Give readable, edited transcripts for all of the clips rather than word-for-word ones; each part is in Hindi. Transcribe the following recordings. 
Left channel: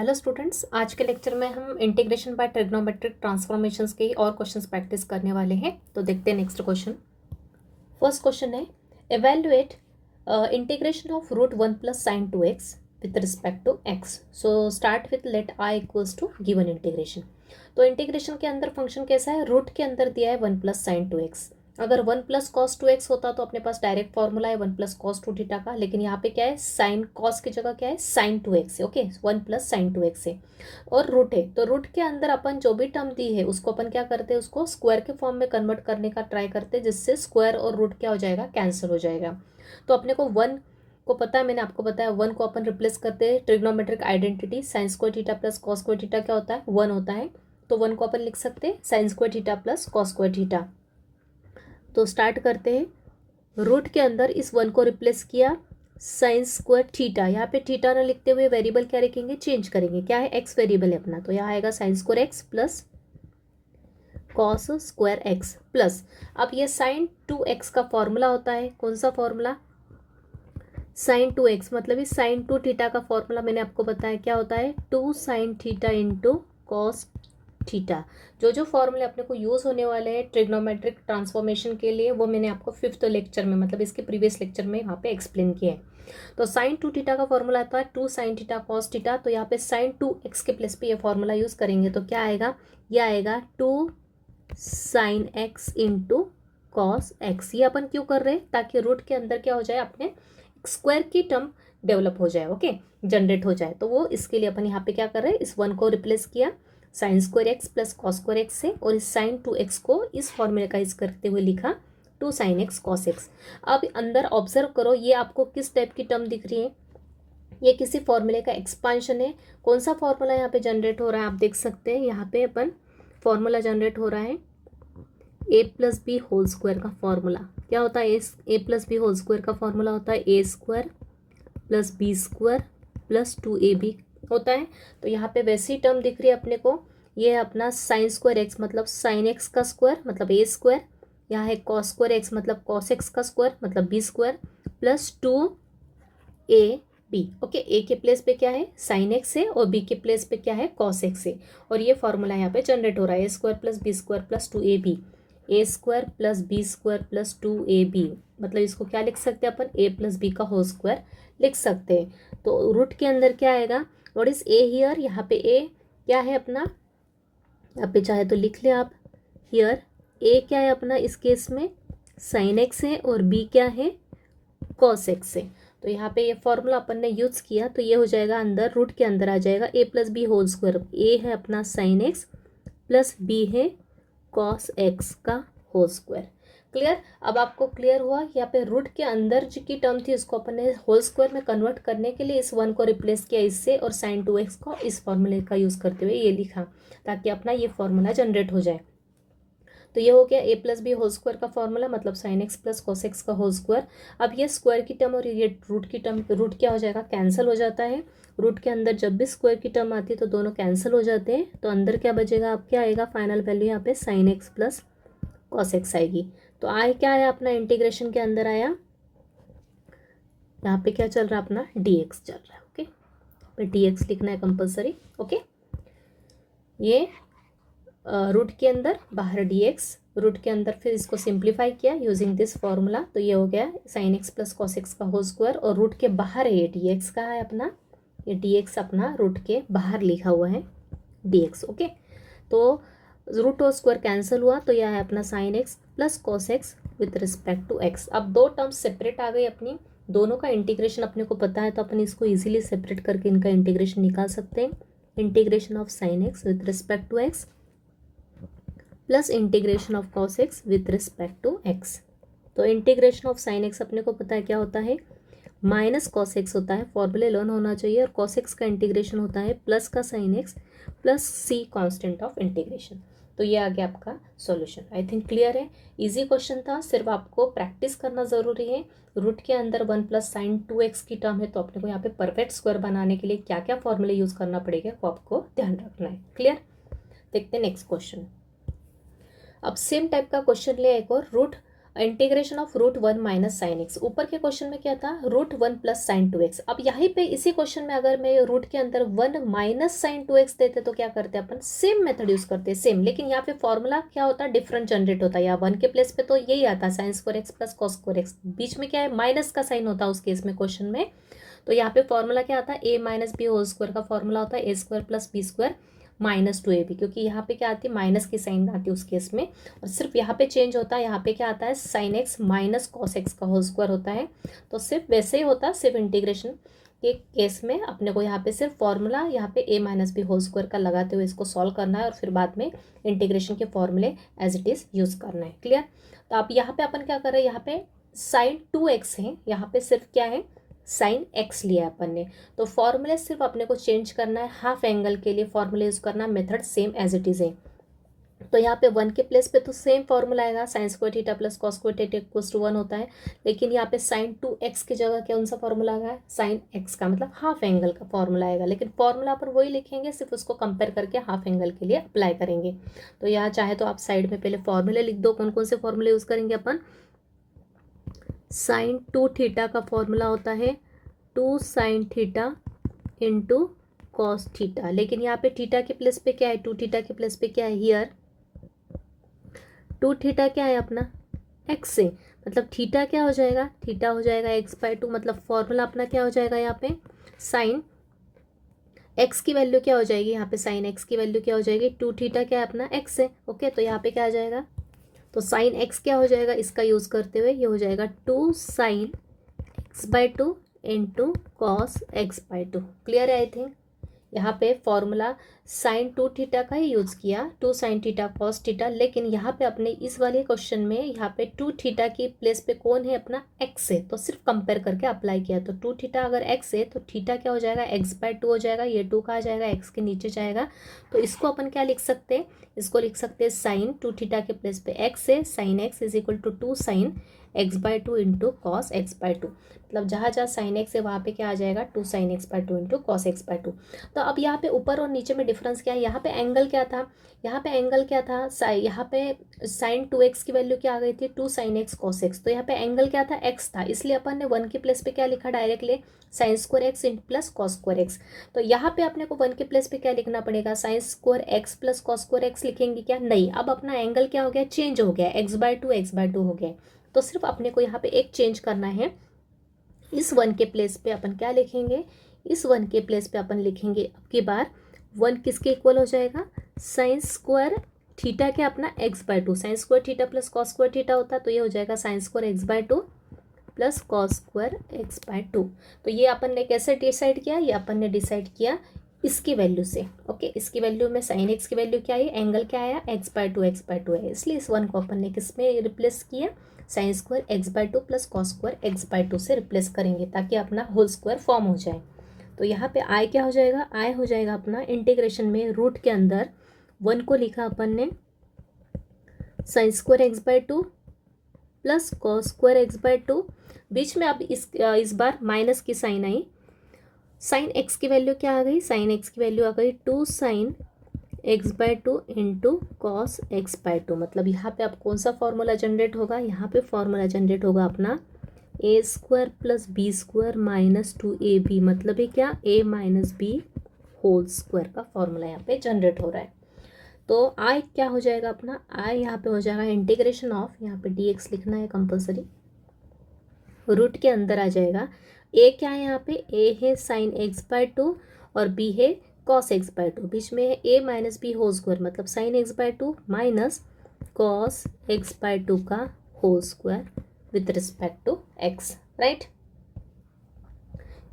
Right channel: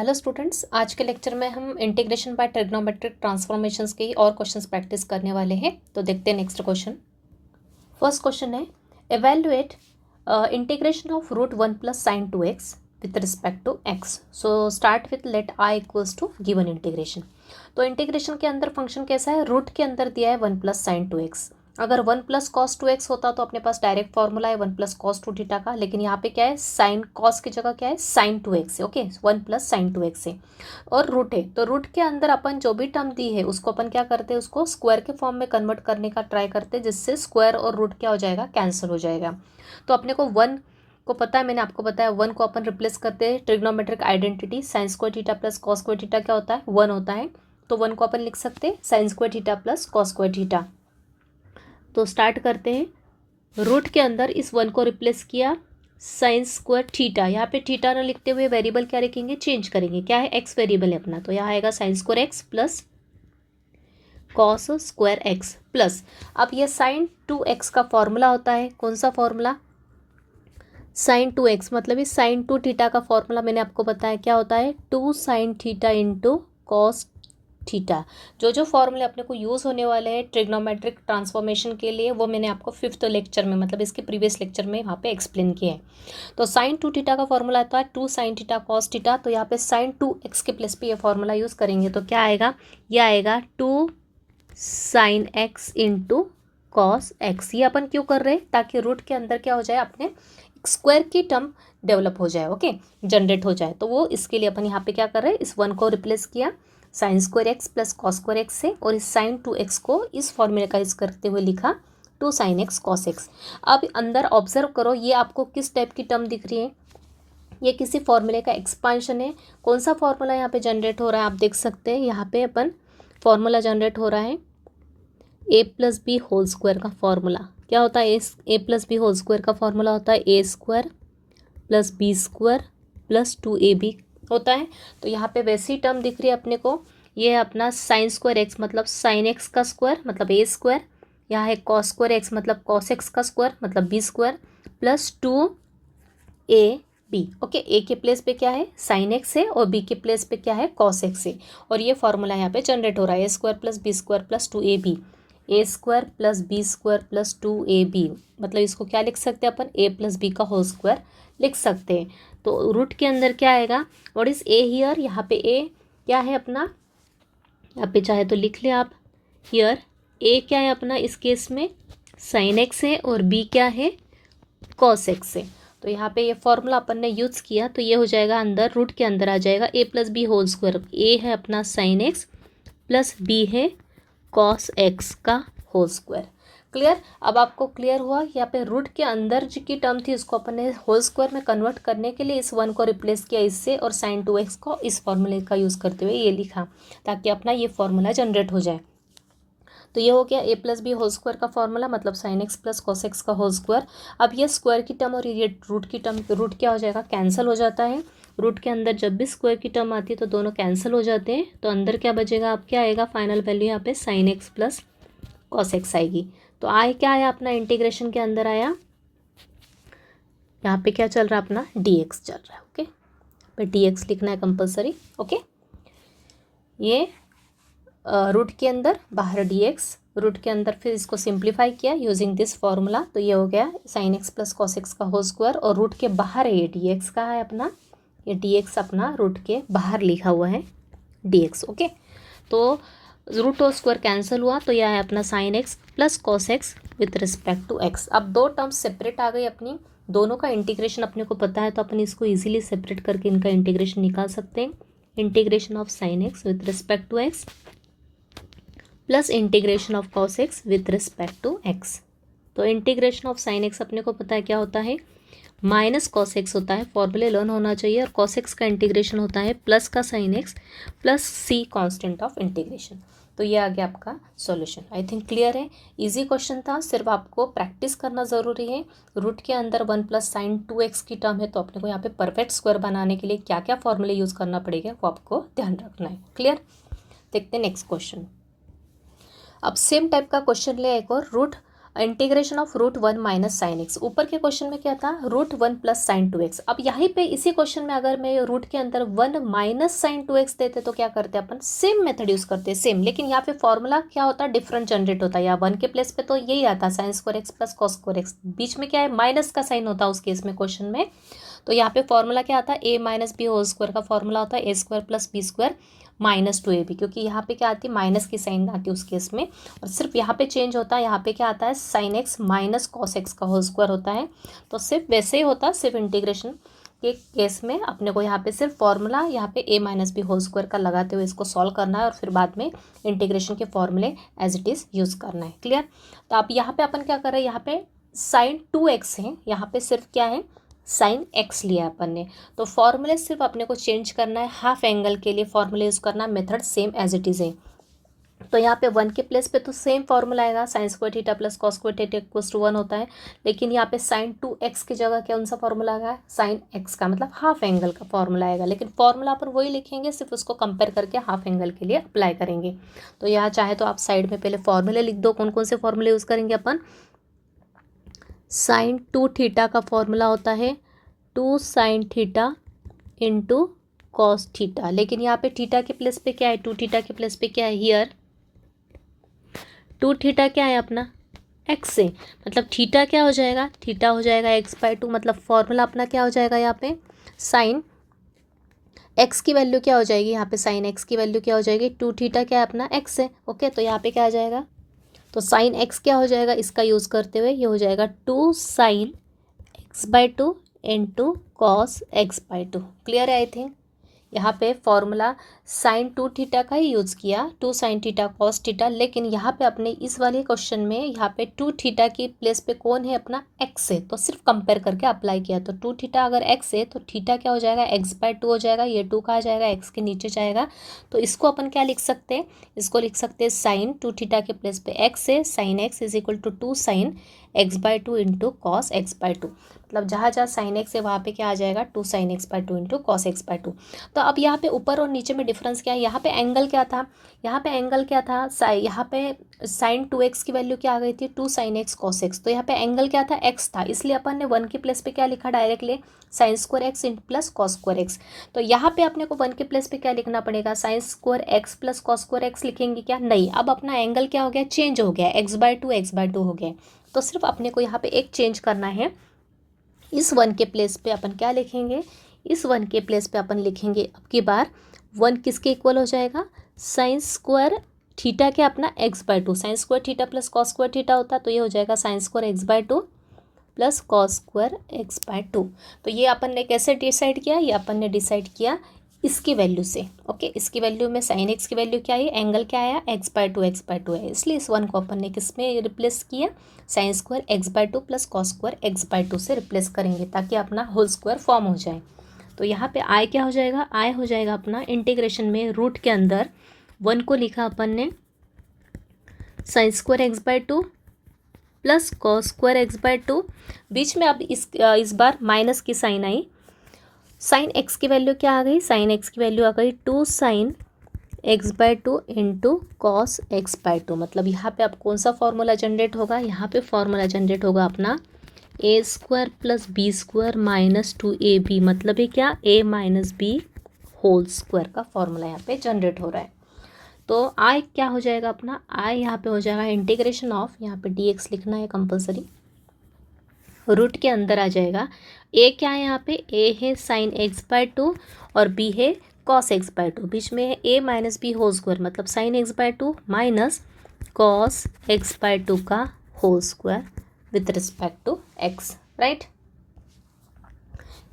हेलो स्टूडेंट्स, आज के लेक्चर में हम इंटीग्रेशन बाय ट्रिग्नोमेट्रिक ट्रांसफॉर्मेशंस के और क्वेश्चंस प्रैक्टिस करने वाले हैं। तो देखते हैं नेक्स्ट क्वेश्चन। फर्स्ट क्वेश्चन है evaluate integration of root 1 plus sine 2x with respect to x। So start with let i equals to given integration. तो इंटीग्रेशन के अंदर फंक्शन कैसा है, रूट के अंदर दिया है 1 प्लस साइन 2x। अगर 1 प्लस कॉस 2x होता तो अपने पास डायरेक्ट फॉर्मूला है 1 प्लस कॉस 2 थीटा का, लेकिन यहाँ पे क्या है, साइन कॉस की जगह क्या है, साइन 2x है। ओके, 1 प्लस साइन 2x है और रूट है, तो रूट के अंदर अपन जो भी टर्म दी है उसको अपन क्या करते हैं, उसको स्क्वायर के फॉर्म में कन्वर्ट करने का ट्राई करते हैं, जिससे स्क्वायर और रूट क्या हो जाएगा, कैंसिल हो जाएगा। तो अपने को 1 को पता है, मैंने आपको बताया 1 को अपन रिप्लेस करते हैं trigonometric identity, sign square theta plus cos square theta क्या होता है, 1 होता है। तो 1 को अपन लिख सकते हैं sign square theta plus cos square theta. तो स्टार्ट करते हैं, रूट के अंदर इस 1 को रिप्लेस किया साइन स्क्वायर थीटा, यहाँ पे थीटा ना लिखते हुए वेरिएबल क्या रखेंगे, चेंज करेंगे, क्या है, एक्स वेरिएबल है अपना, तो यहाँ आएगा sine square x plus cos square x plus, अब ये साइन 2x का फॉर्मूला होता है, कौन सा फॉर्मूला, साइन 2x, मतलब ये साइन 2 थीटा का फॉर्मूला मैंने आपको बताया क्या होता है, 2 sine theta into cos theta. जो जो फॉर्मूले अपने को यूज़ होने वाले हैं ट्रिग्नोमेट्रिक ट्रांसफॉर्मेशन के लिए, वो मैंने आपको 5th लेक्चर में, मतलब इसके प्रीवियस लेक्चर में वहाँ पे एक्सप्लेन किया है। तो साइन 2 थीटा का फॉर्मूला आता है 2 साइन थीटा कॉस थीटा, तो यहाँ पे साइन 2x के प्लेस पे ये फॉर्मूला यूज़ करेंगे, तो क्या आएगा, ये आएगा 2 sine x into cos x. ये अपन क्यों कर रहे हैं, ताकि रूट के अंदर क्या हो जाए, अपने स्क्वायर की टर्म डेवलप हो जाए, ओके, जनरेट हो जाए। तो वो इसके लिए अपन यहाँ पे क्या कर रहे हैं, इस 1 को रिप्लेस किया sign square x plus cos square x से, और इस साइन 2x को इस फॉर्मूले का यूज करते हुए लिखा 2 साइन एक्स कॉस एक्स। अब अंदर ऑब्जर्व करो, ये आपको किस टाइप की टर्म दिख रही है, ये किसी फॉर्मूले का एक्सपांशन है। कौन सा फॉर्मूला यहाँ पे जनरेट हो रहा है, आप देख सकते हैं यहाँ पे अपन फॉर्मूला जनरेट हो रहा है a plus B whole square का फॉर्मूला। क्या होता है, A plus B whole square का फॉर्मूला होता है A square plus B square plus 2ab होता है। तो यहाँ पे वैसी टर्म दिख रही है अपने को, ये है अपना साइन स्क्वायर एक्स, मतलब साइन एक्स का स्क्वायर मतलब ए स्क्वायर, यहाँ है कॉस स्क्वायर एक्स मतलब कॉस एक्स का स्क्वायर मतलब B square plus 2ab। Okay, A के प्लेस पे क्या है, साइन एक्स है, और बी के प्लेस पे क्या है, कॉस एक्स है, और ये फॉर्मूला यहाँ पे जनरेट हो रहा है A square plus B square plus 2ab, A square plus B square plus 2ab, मतलब इसको क्या लिख सकते हैं अपन, ए प्लस बी का होल स्क्वायर लिख सकते हैं। तो रूट के अंदर क्या आएगा, व्हाट इज ए हियर, यहाँ पे ए क्या है अपना, यहाँ पे चाहे तो लिख ले आप, हियर ए क्या है अपना, इस केस में साइन एक्स है और बी क्या है, कॉस एक्स है। तो यहाँ पे ये फॉर्मूला अपन ने यूज़ किया, तो ये हो जाएगा अंदर, रूट के अंदर आ जाएगा ए प्लस बी होल स्क्वायर, ए है अपना साइन एक्स प्लस बी है कॉस एक्स का होल स्क्वायर। क्लियर, अब आपको क्लियर हुआ, यहाँ पे रूट के अंदर जो की टर्म थी उसको अपन ने होल स्क्वायर में कन्वर्ट करने के लिए इस 1 को रिप्लेस किया इससे, और साइन 2x को इस फॉर्मूले का यूज़ करते हुए ये लिखा, ताकि अपना ये फॉर्मूला जनरेट हो जाए। तो ये हो गया ए प्लस बी होल स्क्वायर का फॉर्मूला, मतलब sine x plus cos X का होल स्क्वायर। अब ये स्क्वायर की टर्म और ये रूट की टर्म, रूट क्या हो जाएगा, कैंसिल हो जाता है। रूट के अंदर जब भी स्क्वायर की टर्म आती है तो दोनों कैंसिल हो जाते हैं, तो अंदर क्या बचेगा, अब क्या आएगा, फाइनल वैल्यू यहाँ पे sine x plus cos x आएगी। तो आए क्या आया अपना, इंटीग्रेशन के अंदर आया, यहाँ पे क्या चल रहा है अपना, dx चल रहा है। ओके, पे dx लिखना है कंपलसरी। ओके, ये रूट के अंदर, बाहर dx, रूट के अंदर फिर इसको सिंप्लीफाई किया यूजिंग दिस फॉर्मूला, तो ये हो गया sine x plus cos X का होल स्क्वायर, और रूट के बाहर है ये dx का है अपना, ये dx अपना रूट के बाहर लिखा हुआ है dx। ओके, तो रूट और स्क्वायर कैंसिल हुआ, तो यह है अपना sine x plus cos x with respect to x. अब दो टर्म्स सेपरेट आ गई अपनी, दोनों का इंटीग्रेशन अपने को पता है, तो अपन इसको इजीली सेपरेट करके इनका इंटीग्रेशन निकाल सकते हैं। Integration of sine x with respect to x plus integration of cos x with respect to x. तो इंटीग्रेशन ऑफ साइन एक्स अपने को पता है क्या होता है, माइनस कॉस एक्स होता है, फॉर्मूले लर्न होना चाहिए, और कॉस एक्स का इंटीग्रेशन होता है प्लस का sine x plus C constant of integration. तो ये आ गया आपका सॉल्यूशन। आई थिंक क्लियर है, इजी क्वेश्चन था, सिर्फ आपको प्रैक्टिस करना ज़रूरी है। रूट के अंदर 1 प्लस साइन 2x की टर्म है, तो अपने को यहाँ पे परफेक्ट स्क्वायर बनाने के लिए क्या क्या फॉर्मूले यूज़ करना पड़ेगा वो आपको ध्यान रखना है। क्लियर, देखते हैं नेक्स्ट क्वेश्चन। अब सेम टाइप का क्वेश्चन ले एक और, root integration of √1 minus sine x. ऊपर के क्वेश्चन में क्या था, √1 प्लस साइन 2x। अब यहाँ पे इसी क्वेश्चन में अगर मैं रूट के अंदर 1 माइनस साइन 2x देते तो क्या करते अपन, सेम मेथड यूज करते, सेम। लेकिन यहाँ पे फॉर्मूला क्या होता है, डिफरेंट जनरेट होता है। या 1 के प्लेस पे तो यही आता है sine square x plus cos square X, बीच में क्या है, माइनस का साइन होता है उस केस में क्वेश्चन में। तो यहाँ पे फॉर्मूला क्या आता है, a minus b whole square का फॉर्मूला होता है a square plus B square minus 2ab, क्योंकि यहाँ पे क्या आती है, माइनस की साइन आती है उस केस में। और सिर्फ यहाँ पे चेंज होता है, यहाँ पे क्या आता है, sine x minus cos X का होल स्क्वायर होता है। तो सिर्फ वैसे ही होता है, सिर्फ इंटीग्रेशन के केस में अपने को यहाँ पे सिर्फ फॉर्मूला यहाँ पे a minus b whole square का लगाते हुए इसको सॉल्व करना है, और फिर बाद में इंटीग्रेशन के फॉर्मूले एज इट इज़ यूज़ करना है। क्लियर। तो आप यहाँ पे अपन क्या कर रहे हैं, यहाँ पे साइन 2x है, यहाँ पे सिर्फ क्या है, साइन एक्स लिया अपन ने। तो फॉर्मूले सिर्फ अपने को चेंज करना है, हाफ एंगल के लिए फॉर्मूले यूज़ करना, method same as it is है। तो यहाँ पे 1 के प्लेस पे तो सेम फॉर्मूला आएगा, sine square theta plus cos square theta equals to 1 होता है। लेकिन यहाँ पे साइन 2x की जगह कौन सा फॉर्मूला आएगा, साइन x का, मतलब हाफ एंगल का फॉर्मूला आएगा। लेकिन फॉर्मूला पर वही लिखेंगे, सिर्फ उसको कंपेयर करके हाफ एंगल के लिए अप्लाई करेंगे। तो यहाँ चाहे तो आप साइड में पहले फॉर्मूले लिख दो, कौन कौन से फॉर्मूले यूज़ करेंगे अपन। साइन 2 थीटा का फॉर्मूला होता है 2 sine theta into cos theta. लेकिन यहाँ पे थीटा के प्लेस पे क्या है, 2 थीटा के प्लेस पे क्या है, हियर 2 थीटा क्या है अपना, एक्स है। मतलब थीटा क्या हो जाएगा, थीटा हो जाएगा x/2। मतलब फॉर्मूला अपना क्या हो जाएगा, यहाँ पे साइन एक्स की वैल्यू क्या हो जाएगी, यहाँ पे साइन एक्स की वैल्यू क्या हो जाएगी, 2 थीटा क्या है अपना, एक्स है। ओके, तो यहाँ पे क्या आ जाएगा, तो साइन एक्स क्या हो जाएगा, इसका यूज़ करते हुए ये हो जाएगा 2 sine x/2 into cos x/2। Clear है आई थिंक। यहाँ पे फॉर्मूला साइन 2 थीटा का ही यूज़ किया, 2 साइन थीटा कॉस थीटा। लेकिन यहाँ पे अपने इस वाले क्वेश्चन में यहाँ पे 2 थीटा की प्लेस पे कौन है अपना, एक्स है। तो सिर्फ कंपेयर करके अप्लाई किया। तो 2 थीटा अगर एक्स है तो थीटा क्या हो जाएगा, x/2 हो जाएगा। ये 2 कहाँ जाएगा, एक्स के नीचे जाएगा। तो इसको अपन क्या लिख सकते हैं, इसको लिख सकते हैं साइन 2 थीटा के प्लेस पे एक्स है, sine x is equal to 2 sine x/2 into cos x/2। मतलब जहाँ जहाँ साइन एक्स है वहाँ पे क्या आ जाएगा, 2 sine x/2 into cos x/2। तो अब यहाँ पे ऊपर और नीचे में डिफरेंस क्या है, यहाँ पे एंगल क्या था, यहाँ पे एंगल क्या था, यहाँ पे साइन 2x की वैल्यू क्या आ गई थी, 2 साइन एक्स कॉस एक्स। तो यहाँ पे एंगल क्या था, x था, इसलिए अपन ने 1 के प्लेस पे क्या लिखा directly, sign square x plus cos square x. तो यहाँ पे अपने को 1 के प्लेस पे क्या लिखना पड़ेगा, sign square x plus cos square x लिखेंगे क्या, नहीं। अब अपना एंगल क्या हो गया, चेंज हो गया, x/2 हो गया। तो सिर्फ अपने को यहाँ पे एक चेंज करना है, इस 1 के प्लेस पे अपन क्या लिखेंगे, इस 1 के प्लेस पे अपन लिखेंगे अब की बार 1 किसके इक्वल हो जाएगा, साइन स्क्वायर थीटा क्या अपना x/2। Sign square theta plus cos square theta होता है, तो ये हो जाएगा sine square x/2 plus cos square x/2। तो ये अपन ने कैसे डिसाइड किया, ये अपन ने डिसाइड किया इसकी वैल्यू से। ओके, इसकी वैल्यू में साइन एक्स की वैल्यू क्या आई, एंगल क्या आया, x/2 है, इसलिए इस 1 को अपन ने किस में रिप्लेस किया, sine square x/2 plus cos square x/2 से रिप्लेस करेंगे, ताकि अपना होल स्क्वायर फॉर्म हो जाए। तो यहाँ पे आई क्या हो जाएगा, आई हो जाएगा अपना इंटीग्रेशन में रूट के अंदर 1 को लिखा अपन ने sine square x/2 plus cos square x/2। बीच में अब इस बार माइनस की साइन आई, साइन एक्स की वैल्यू क्या आ गई, साइन एक्स की वैल्यू आ गई 2 sine x/2 into cos x/2। मतलब यहाँ पे अब कौन सा फॉर्मूला जनरेट होगा, यहाँ पे फॉर्मूला जनरेट होगा अपना a square plus B square minus 2ab। मतलब ये क्या, a minus b whole square का फॉर्मूला यहाँ पे जनरेट हो रहा है। तो आई क्या हो जाएगा अपना, आई यहाँ पे हो जाएगा इंटीग्रेशन ऑफ, यहाँ पे dx लिखना है कंपलसरी, रूट के अंदर आ जाएगा। ए क्या है यहाँ पे, ए है साइन x/2 और बी है कॉस x/2। बीच में है a minus b whole square, मतलब sine x/2 minus cos x/2 का whole square with respect to x, right.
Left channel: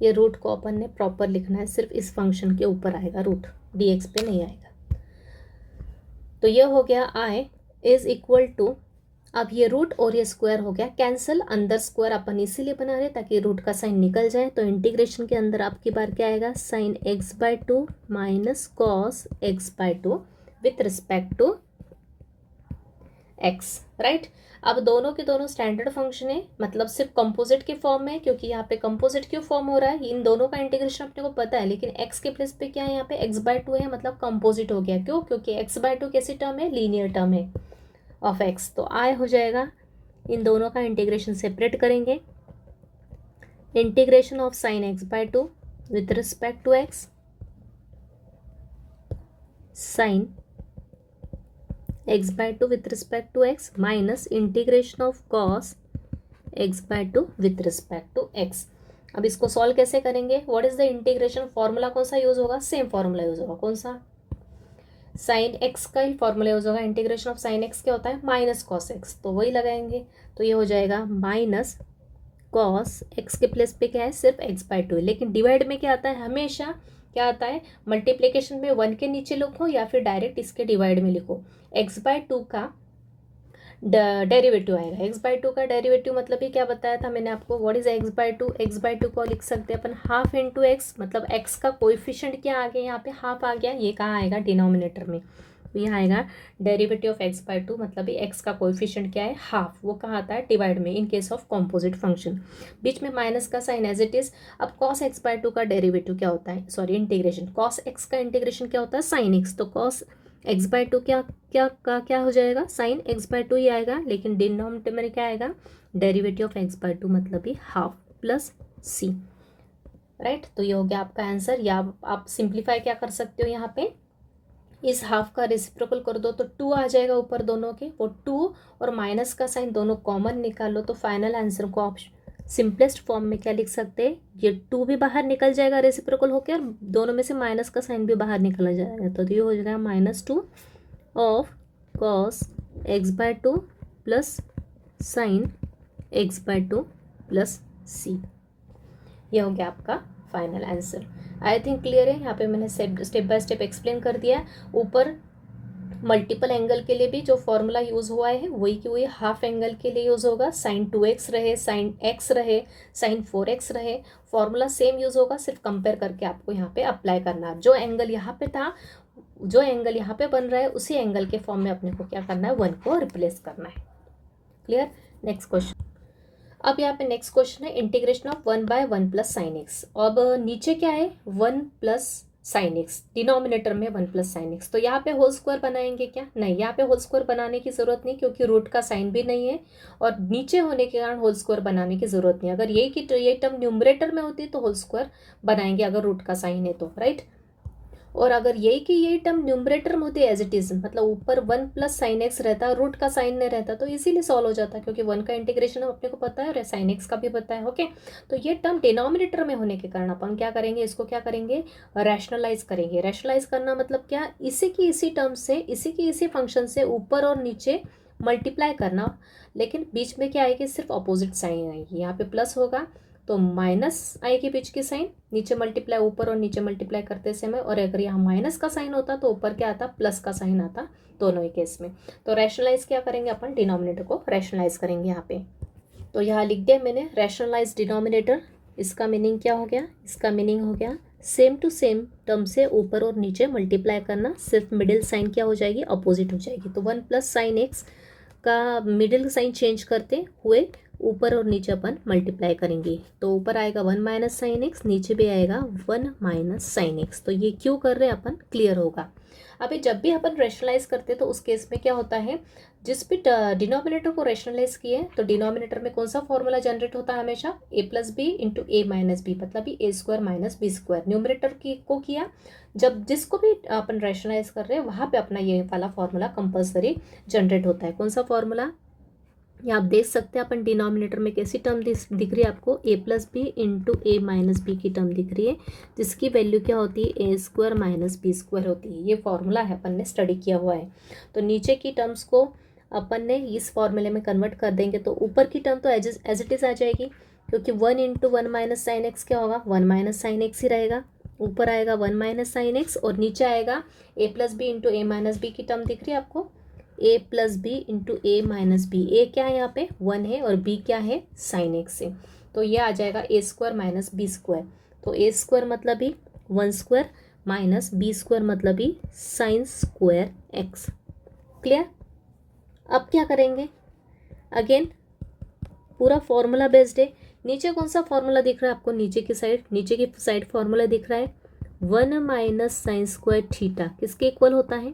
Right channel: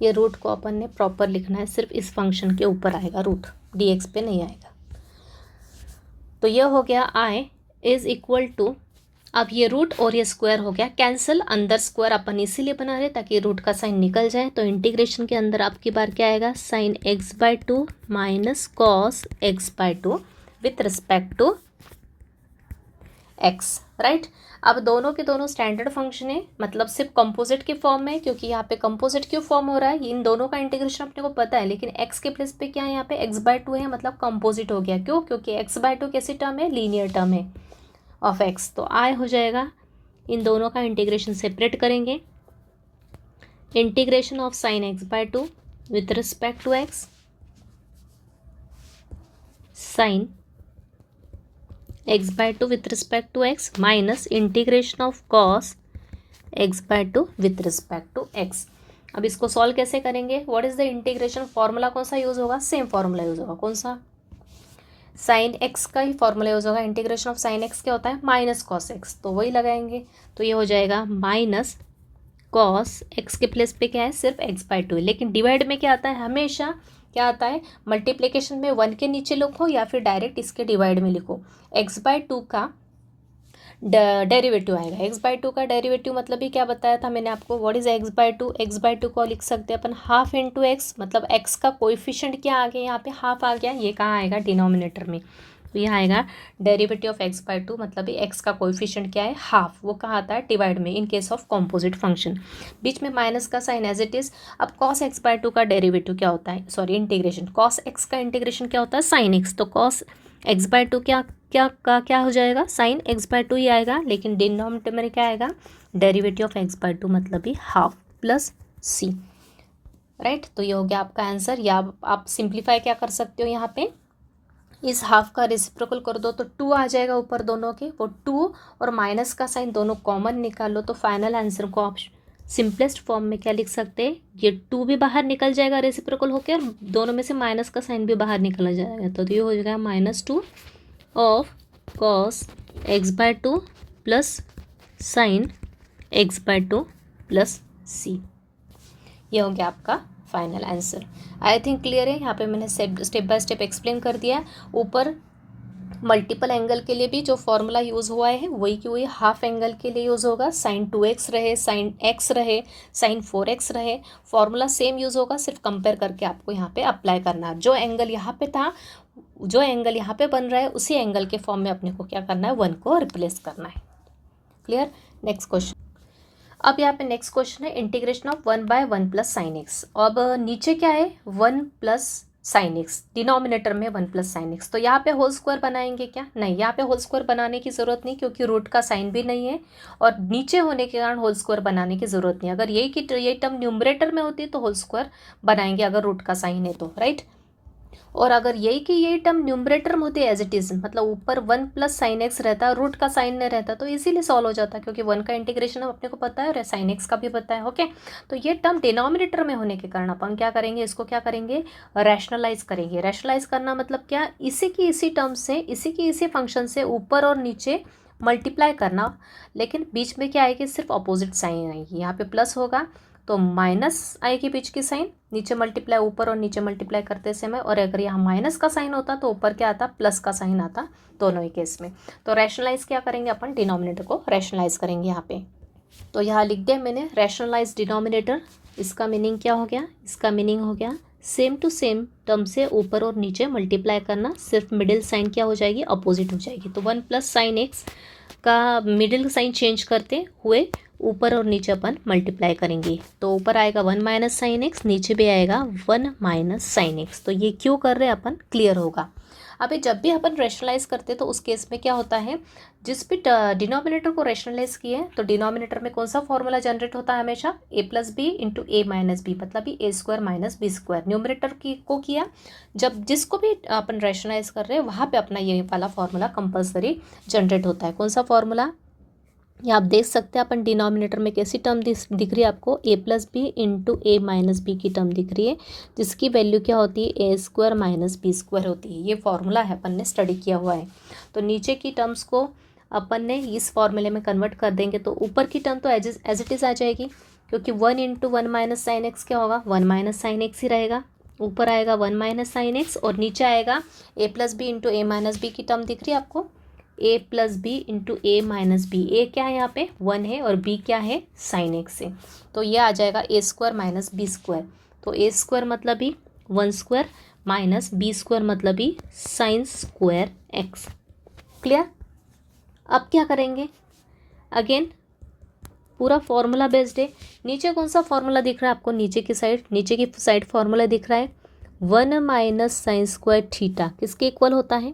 ये रूट को अपन ने प्रॉपर लिखना है, सिर्फ इस फंक्शन के ऊपर आएगा रूट, dx पे नहीं आएगा। तो यह हो गया आई इज इक्वल टू, अब ये रूट और ये स्क्वायर हो गया कैंसिल, अंदर स्क्वायर अपन इसीलिए बना रहे ताकि रूट का साइन निकल जाए। तो इंटीग्रेशन के अंदर आपकी बार क्या आएगा, sine x/2 minus cos x/2 with respect to x, right. अब दोनों के दोनों स्टैंडर्ड फंक्शन है, मतलब सिर्फ कंपोजिट के फॉर्म में, क्योंकि यहाँ पे कंपोजिट क्यों फॉर्म हो रहा है, इन दोनों का इंटीग्रेशन अपने को पता है। लेकिन x के प्लेस पे क्या है, यहाँ पे x/2 है, मतलब कंपोजिट हो गया। क्यों, क्योंकि x/2 कैसी टर्म है, लीनियर टर्म है ऑफ x। तो आई हो जाएगा इन दोनों का इंटीग्रेशन सेपरेट करेंगे। Integration of sine x by two with respect to x, sine x by two with respect to x minus integration of cos x by two with respect to x. अब इसको सॉल्व कैसे करेंगे? What is the integration formula? कौन सा यूज होगा? सेम फॉर्मूला यूज होगा। कौन सा? साइन एक्स का ही फॉर्मूला यूज होगा। इंटीग्रेशन ऑफ साइन एक्स क्या होता है? माइनस कॉस एक्स, तो वही लगाएंगे। तो ये हो जाएगा माइनस कॉस एक्स के प्लेस पे क्या है? सिर्फ एक्स बाय टू है। लेकिन डिवाइड में क्या आता है? हमेशा क्या आता है? मल्टीप्लीकेशन में 1 के नीचे लिखो या फिर डायरेक्ट इसके डिवाइड में लिखो। एक्स बाय टू का डेरिवेटिव आएगा। एक्स बाय टू का डेरिवेटिव मतलब ही क्या बताया था मैंने आपको? What is x by to? X by to को लिख सकते हैं अपन हाफ इंटू एक्स, मतलब एक्स का कोएफिशिएंट क्या आ गया यहाँ पे? हाफ आ गया। ये कहाँ आएगा? डिनोमिनेटर में। तो यहाँ आएगा derivative of x by two, मतलब एक्स का कोएफिशिएंट क्या है? हाफ। वो कहाँ आता है? डिवाइड में, in case of composite function. बीच में माइनस का साइन एज इट इज। अब कॉस एक्स बाय टू का डेरिवेटिव क्या होता है? Sorry, integration. कॉस एक्स का इंटीग्रेशन क्या होता है? Sine x. तो कॉस एक्स बाय टू क्या हो जाएगा? साइन एक्स बाय टू ही आएगा। लेकिन डिनोमिनेटर में क्या आएगा? Derivative of x by two, मतलब ही हाफ प्लस सी। राइट, तो ये हो गया आपका आंसर। या आप सिंप्लीफाई क्या कर सकते हो? यहाँ पे इस हाफ का रेसिप्रोकल कर दो तो 2 आ जाएगा ऊपर दोनों के। वो 2 और माइनस का साइन दोनों कॉमन निकालो तो फाइनल आंसर को आप सिंपलेस्ट फॉर्म में क्या लिख सकते हैं? ये 2 भी बाहर निकल जाएगा रेसिप्रोकल होकर, और दोनों में से माइनस का साइन भी बाहर निकल जाएगा। तो ये हो जाएगा -2 of cos x by two plus sine x by two plus C. ये हो गया आपका final answer. I think clear है। यहाँ पे मैंने स्टेप बाय स्टेप एक्सप्लेन कर दिया। ऊपर मल्टीपल एंगल के लिए भी जो फॉर्मूला यूज़ हुआ है वही की वही हाफ एंगल के लिए यूज़ होगा। साइन 2x रहे, साइन x रहे, साइन 4x रहे, फॉर्मूला सेम यूज़ होगा। सिर्फ कंपेयर करके आपको यहाँ पे अप्लाई करना है। जो एंगल यहाँ पे था, जो एंगल यहाँ पे बन रहा है, उसी एंगल के फॉर्म में अपने को क्या करना है? 1 को रिप्लेस करना है। क्लियर? Next question. अब यहाँ पे नेक्स्ट क्वेश्चन है integration of 1/1 plus sine x. अब नीचे क्या है? 1 प्लस साइन एक्स, डिनोमिनेटर में 1 प्लस साइन एक्स। तो यहाँ पे होल स्क्वायर बनाएंगे क्या? नहीं, यहाँ पे होल स्क्वायर बनाने की जरूरत नहीं, क्योंकि रूट का साइन भी नहीं है और नीचे होने के कारण होल स्क्वायर बनाने की जरूरत नहीं। अगर ये टर्म न्यूमरेटर में होती तो होल स्क्वायर बनाएंगे, अगर रूट का साइन है तो। राइट, और अगर यही टर्म न्यूमरेटर में होती है एज इट इज, मतलब ऊपर 1 प्लस साइन एक्स रहता, रूट का साइन नहीं रहता, तो इसीलिए सॉल्व हो जाता, क्योंकि 1 का इंटीग्रेशन अपने को पता है और साइन एक्स का भी पता है। ओके, तो ये टर्म डिनोमिनेटर में होने के कारण अपन क्या करेंगे? इसको क्या करेंगे? रैशनलाइज करेंगे। रैशनलाइज करना मतलब क्या? इसी की इसी टर्म से, इसी की इसी फंक्शन से ऊपर और नीचे मल्टीप्लाई करना, लेकिन बीच में क्या आएगी? सिर्फ अपोजिट साइन आएगी। यहाँ पे प्लस होगा तो माइनस आएगी बीच की साइन, नीचे मल्टीप्लाई, ऊपर और नीचे मल्टीप्लाई करते समय। और अगर यहाँ माइनस का साइन होता तो ऊपर क्या आता? प्लस का साइन आता, दोनों ही केस में। तो रैशनलाइज क्या करेंगे अपन? डिनोमिनेटर को रैशनलाइज करेंगे यहाँ पे। तो यहाँ लिख दिया मैंने रैशनलाइज डिनोमिनेटर। इसका मीनिंग क्या हो गया? इसका मीनिंग हो गया सेम टू सेम टर्म से ऊपर और नीचे मल्टीप्लाई करना, सिर्फ मिडिल साइन क्या हो जाएगी? अपोजिट हो जाएगी। तो 1 प्लस साइन एक्स का मिडिल साइन चेंज करते हुए ऊपर और नीचे अपन मल्टीप्लाई करेंगे। तो ऊपर आएगा 1 माइनस साइन एक्स, नीचे भी आएगा 1 माइनस साइन एक्स। तो ये क्यों कर रहे हैं अपन? क्लियर होगा। अभी जब भी अपन रैशनलाइज करते हैं तो उस केस में क्या होता है? जिस भी डिनोमिनेटर को रैशनलाइज किए तो डिनोमिनेटर में कौन सा फॉर्मूला जनरेट होता है? हमेशा a+b into a minus B, मतलब a² माइनस b²। न्यूमरेटर को किया, जब जिसको भी अपन रैशनलाइज कर रहे हैं वहाँ पे अपना ये वाला फॉर्मूला कंपल्सरी जनरेट होता है। कौन सा फॉर्मूला? ये आप देख सकते हैं अपन डिनोमिनेटर में कैसी टर्म दिख रही है आपको? a+b into a minus B की टर्म दिख रही है, जिसकी वैल्यू क्या होती है? a² माइनस b² होती है। ये फॉर्मूला है, अपन ने स्टडी किया हुआ है। तो नीचे की टर्म्स को अपन ने इस फॉर्मूले में कन्वर्ट कर देंगे तो ऊपर की टर्म तो एज इट इज आ जाएगी, क्योंकि 1 इंटू 1 माइनस साइन एक्स क्या होगा? 1 माइनस साइन एक्स ही रहेगा। ऊपर आएगा 1 माइनस साइन एक्स और नीचे आएगा a+b into a minus B की टर्म दिख रही है आपको? a+b into a minus B. A क्या है यहाँ पे? 1 है, और b क्या है? साइन एक्स है। तो ये आ जाएगा a² माइनस b²। तो a² मतलब ही 1² माइनस b² मतलब ही साइन स्क्वायर एक्स। क्लियर? अब क्या करेंगे? अगेन पूरा फॉर्मूला बेस्ड है। नीचे कौन सा फॉर्मूला दिख रहा है आपको? नीचे की साइड फॉर्मूला दिख रहा है 1 माइनस साइन स्क्वायर थीटा किसके इक्वल होता है?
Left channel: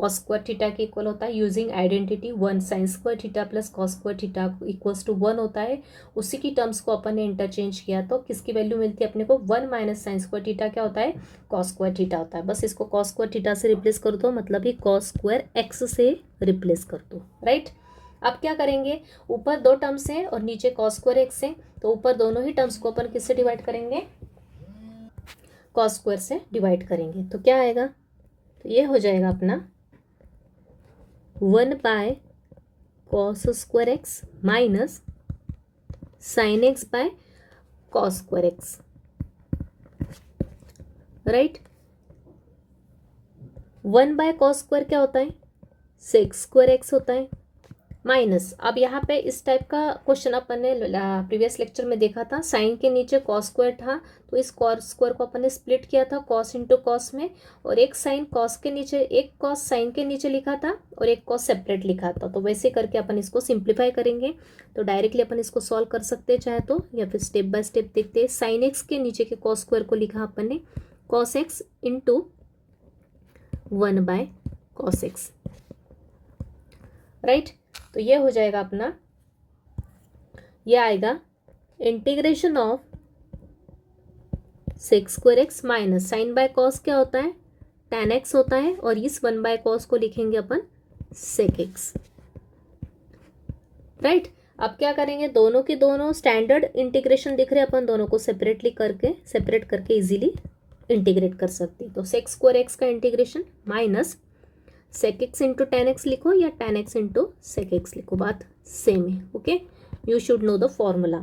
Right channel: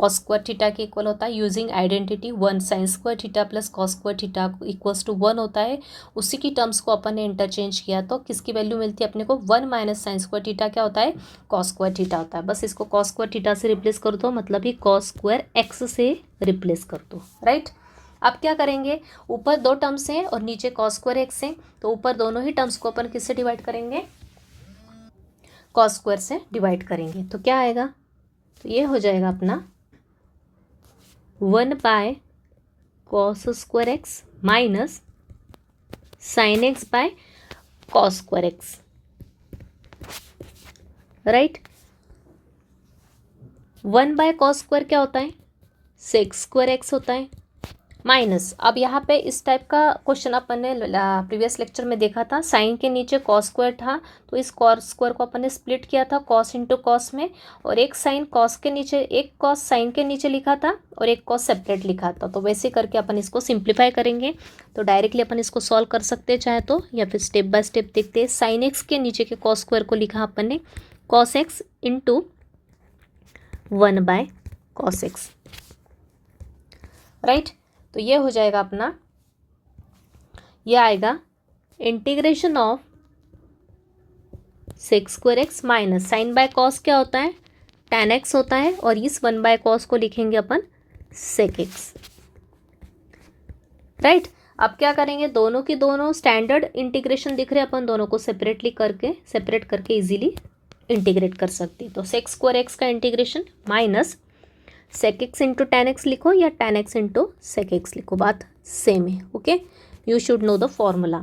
कॉस स्क्वायर थीटा के इक्वल होता है using identity 1 sine square theta plus cos square theta equals to 1 होता है। उसी की टर्म्स को अपन ने इंटरचेंज किया तो किसकी वैल्यू मिलती है अपने को 1 माइनस साइन स्क्वायर थीटा क्या होता है कॉस स्क्वायर थीटा होता है। बस इसको कॉस स्क्वायर थीटा से रिप्लेस कर दो, मतलब ही कॉस स्क्वायर एक्स से रिप्लेस कर दो, राइट। अब क्या करेंगे, ऊपर दो टर्म्स हैं और नीचे कॉस स्क्वायर एक्स है, तो ऊपर दोनों ही टर्म्स को अपन किससे डिवाइड करेंगे, कॉस स्क्वायर से डिवाइड करेंगे। तो क्या आएगा, तो ये हो जाएगा अपना 1 by cos square x minus sine x by cos square x, right. 1 by cos square क्या होता है, सेक स्क्वायर एक्स होता है, माइनस, अब यहाँ पे इस टाइप का क्वेश्चन अपन ने प्रीवियस लेक्चर में देखा था, साइन के नीचे कॉस स्क्वायर था तो इस कॉस स्क्वायर को अपन ने स्प्लिट किया था कॉस इंटू कॉस में, और एक साइन कॉस के नीचे, एक कॉस साइन के नीचे लिखा था और एक कॉस सेपरेट लिखा था। तो वैसे करके अपन इसको सिंप्लीफाई करेंगे, तो डायरेक्टली अपन इसको सॉल्व कर सकते हैं चाहे तो, या फिर स्टेप बाय स्टेप देखते हैं। साइन एक्स के नीचे के कॉस स्क्वायर को लिखा अपन ने cos x into 1 by cos x, right. तो ये हो जाएगा अपना, ये आएगा integration of sec square x minus sine by cos क्या होता है, tan एक्स होता है, और इस 1 बाय कॉस को लिखेंगे अपन सेक एक्स, राइट। अब क्या करेंगे, दोनों की दोनों स्टैंडर्ड इंटीग्रेशन दिख रहे हैं, अपन दोनों को सेपरेट करके इजीली इंटीग्रेट कर सकते हैं। तो सेक स्क्वायर एक्स का integration minus sec X into tan X लिखो या tan x into sec X लिखो, बात सेम है, okay. You should know the formula.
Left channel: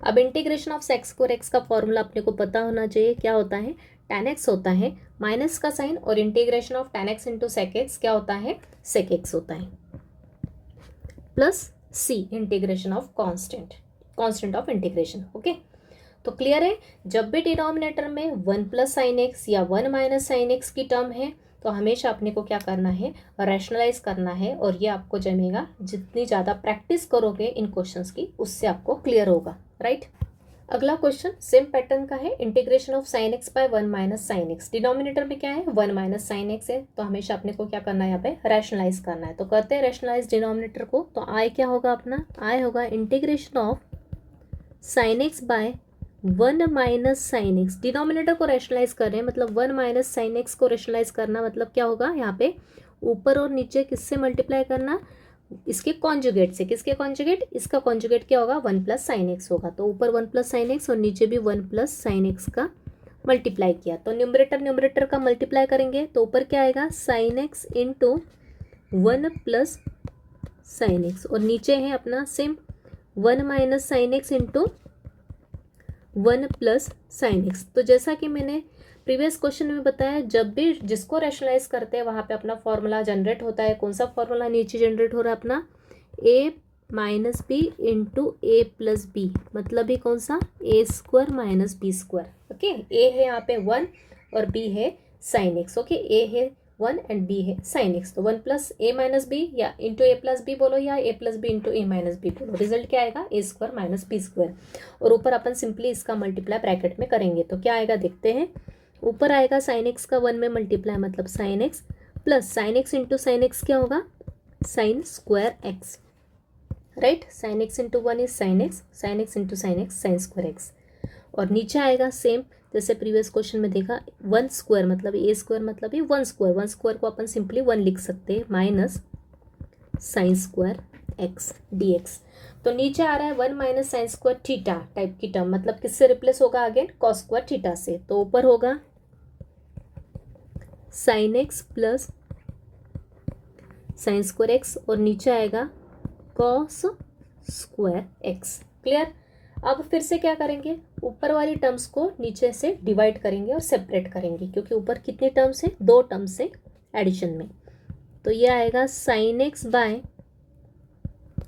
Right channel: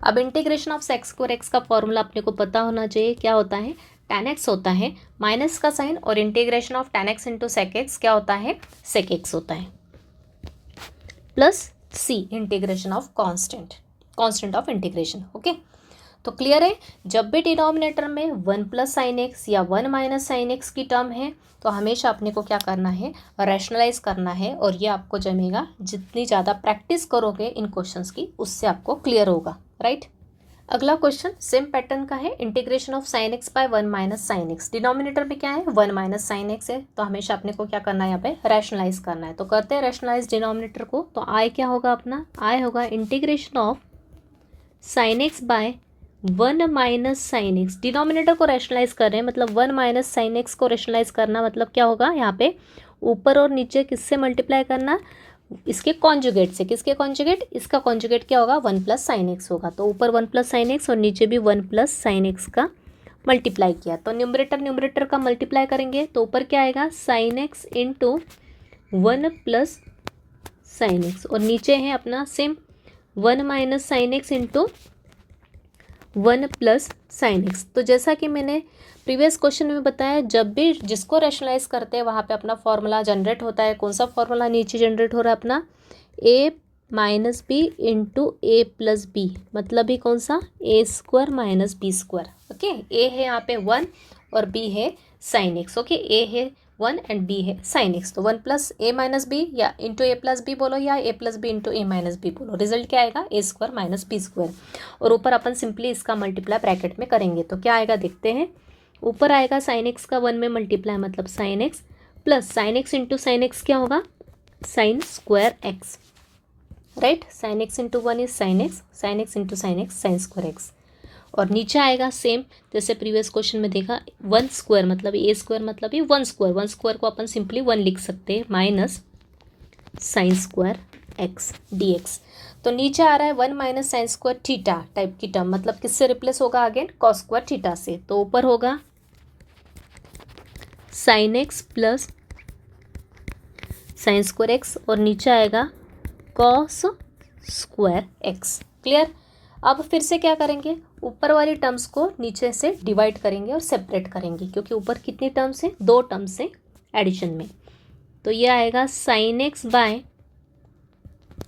अब integration of sec square X का फॉर्मूला अपने को पता होना चाहिए, क्या होता है, टेन एक्स होता है माइनस का साइन, और integration of tan x into sec x क्या होता है, सेक एक्स होता है, plus C integration of constant of integration, okay. तो क्लियर है, जब भी डिनोमिनेटर में 1 प्लस साइन एक्स या 1 माइनस साइन एक्स की टर्म है तो हमेशा अपने को क्या करना है, रैशनलाइज करना है, और ये आपको जमेगा, जितनी ज़्यादा प्रैक्टिस करोगे इन क्वेश्चंस की उससे आपको क्लियर होगा, राइट। अगला क्वेश्चन सेम पैटर्न का है, integration of sine x by 1 minus sine x. Denominator में क्या है, 1 माइनस साइन एक्स है, तो हमेशा अपने को क्या करना है, यहाँ पे रैशनलाइज करना है। तो करते हैं रैशनलाइज डिनोमिनेटर को, तो आई क्या होगा अपना, आई होगा integration of sine x by 1 minus sine x. Denominator को रैशनलाइज कर रहे हैं, मतलब 1 माइनस साइन एक्स को रैशनलाइज करना, मतलब क्या होगा, यहाँ पे ऊपर और नीचे किससे मल्टीप्लाई करना, इसके कॉन्जुगेट से। किसके कॉन्जुगेट, इसका कॉन्जुगेट क्या होगा, 1 प्लस साइन एक्स होगा। तो ऊपर 1 प्लस साइन एक्स और नीचे भी 1 प्लस साइन एक्स का मल्टीप्लाई किया, तो न्यूमरेटर का मल्टीप्लाई करेंगे तो ऊपर क्या आएगा, sine x into 1 plus sine x, और नीचे है अपना same 1 minus sine x into 1 plus sine x. तो जैसा कि मैंने प्रीवियस क्वेश्चन में बताया, जब भी जिसको रैशनलाइज करते हैं वहाँ पे अपना फॉर्मूला जनरेट होता है। कौन सा फॉर्मूला नीचे जनरेट हो रहा है अपना, A minus B into A plus B, मतलब ही कौन सा, A square minus B square, okay. A है यहाँ पे 1 और बी है साइन एक्स, ओके। ए है 1 एंड बी है साइन एक्स, तो 1 प्लस ए माइनस बी या इंटू ए प्लस बी बोलो, या ए प्लस बी इंटू ए माइनस बी बोलो, रिजल्ट क्या आएगा, ए स्क्वायर माइनस बी स्क्वायर। और ऊपर अपन सिंपली इसका मल्टीप्लाई ब्रैकेट में करेंगे तो क्या आएगा, देखते हैं। ऊपर आएगा साइन एक्स का 1 में मल्टीप्लाई, मतलब sine x plus sine x into sine X क्या होगा, sign square x, right. Sine x into 1 is sine x into sine x sign square x. और नीचे आएगा सेम जैसे प्रीवियस क्वेश्चन में देखा, 1 स्क्वायर मतलब ए स्क्वायर, मतलब ये 1 स्क्वायर को अपन सिंपली 1 लिख सकते हैं, minus sine square x D x. तो नीचे आ रहा है 1 minus sine square theta type की टर्म, मतलब किससे रिप्लेस होगा, अगेन कॉस स्क्वायर थीटा से। तो ऊपर होगा sine x plus sign square x, और नीचे आएगा कॉस स्क्वायर एक्स, क्लियर। अब फिर से क्या करेंगे, ऊपर वाली टर्म्स को नीचे से डिवाइड करेंगे और सेपरेट करेंगे, क्योंकि ऊपर कितनी टर्म्स है, 2 टर्म्स है एडिशन में। तो ये आएगा sine x by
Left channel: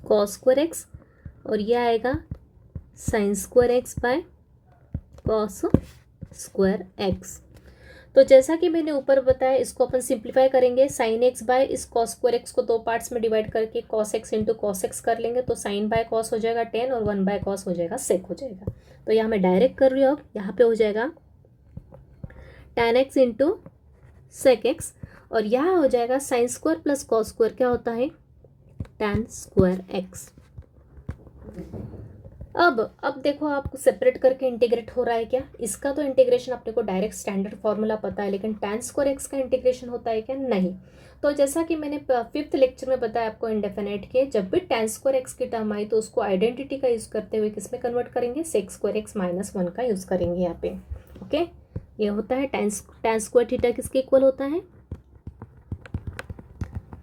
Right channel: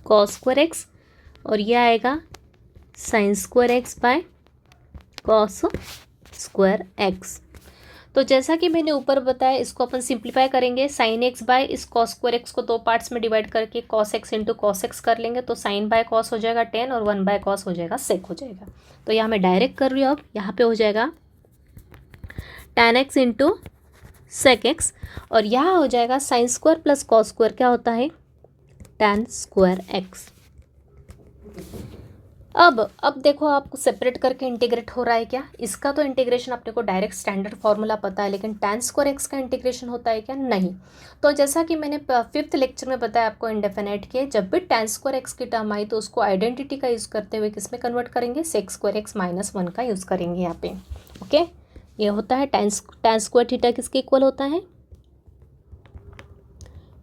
cos square x, और ये आएगा sine square x by cos square x. तो जैसा कि मैंने ऊपर बताया, इसको अपन सिंप्लीफाई करेंगे, साइन एक्स बाय इस कॉस स्क्वायर एक्स को 2 पार्ट्स में डिवाइड करके cos x into cos x कर लेंगे, तो साइन बाय कॉस हो जाएगा 10 और 1 बाय कॉस हो जाएगा सेक हो जाएगा। तो यहाँ मैं डायरेक्ट कर रही हूँ, अब यहाँ पे हो जाएगा tan x into sec x, और यहाँ हो जाएगा sine square plus cos square क्या होता है, टैन स्क्वायर एक्स। अब देखो आपको सेपरेट करके इंटीग्रेट हो रहा है क्या, इसका तो इंटीग्रेशन अपने को डायरेक्ट स्टैंडर्ड फॉर्मूला पता है, लेकिन टैन स्क्वायर एक्स का इंटीग्रेशन होता है क्या, नहीं। तो जैसा कि मैंने 5th लेक्चर में बताया आपको इंडेफिनेट के, जब भी टैन स्क्वायर एक्स की टर्म आई तो उसको आइडेंटिटी का यूज़ करते हुए किस में कन्वर्ट करेंगे, सेक स्क्वायर एक्स माइनस 1 का यूज़ करेंगे यहाँ पे। ओके, ये होता है टैन स्क्वायर थीटा किसके इक्वल होता है,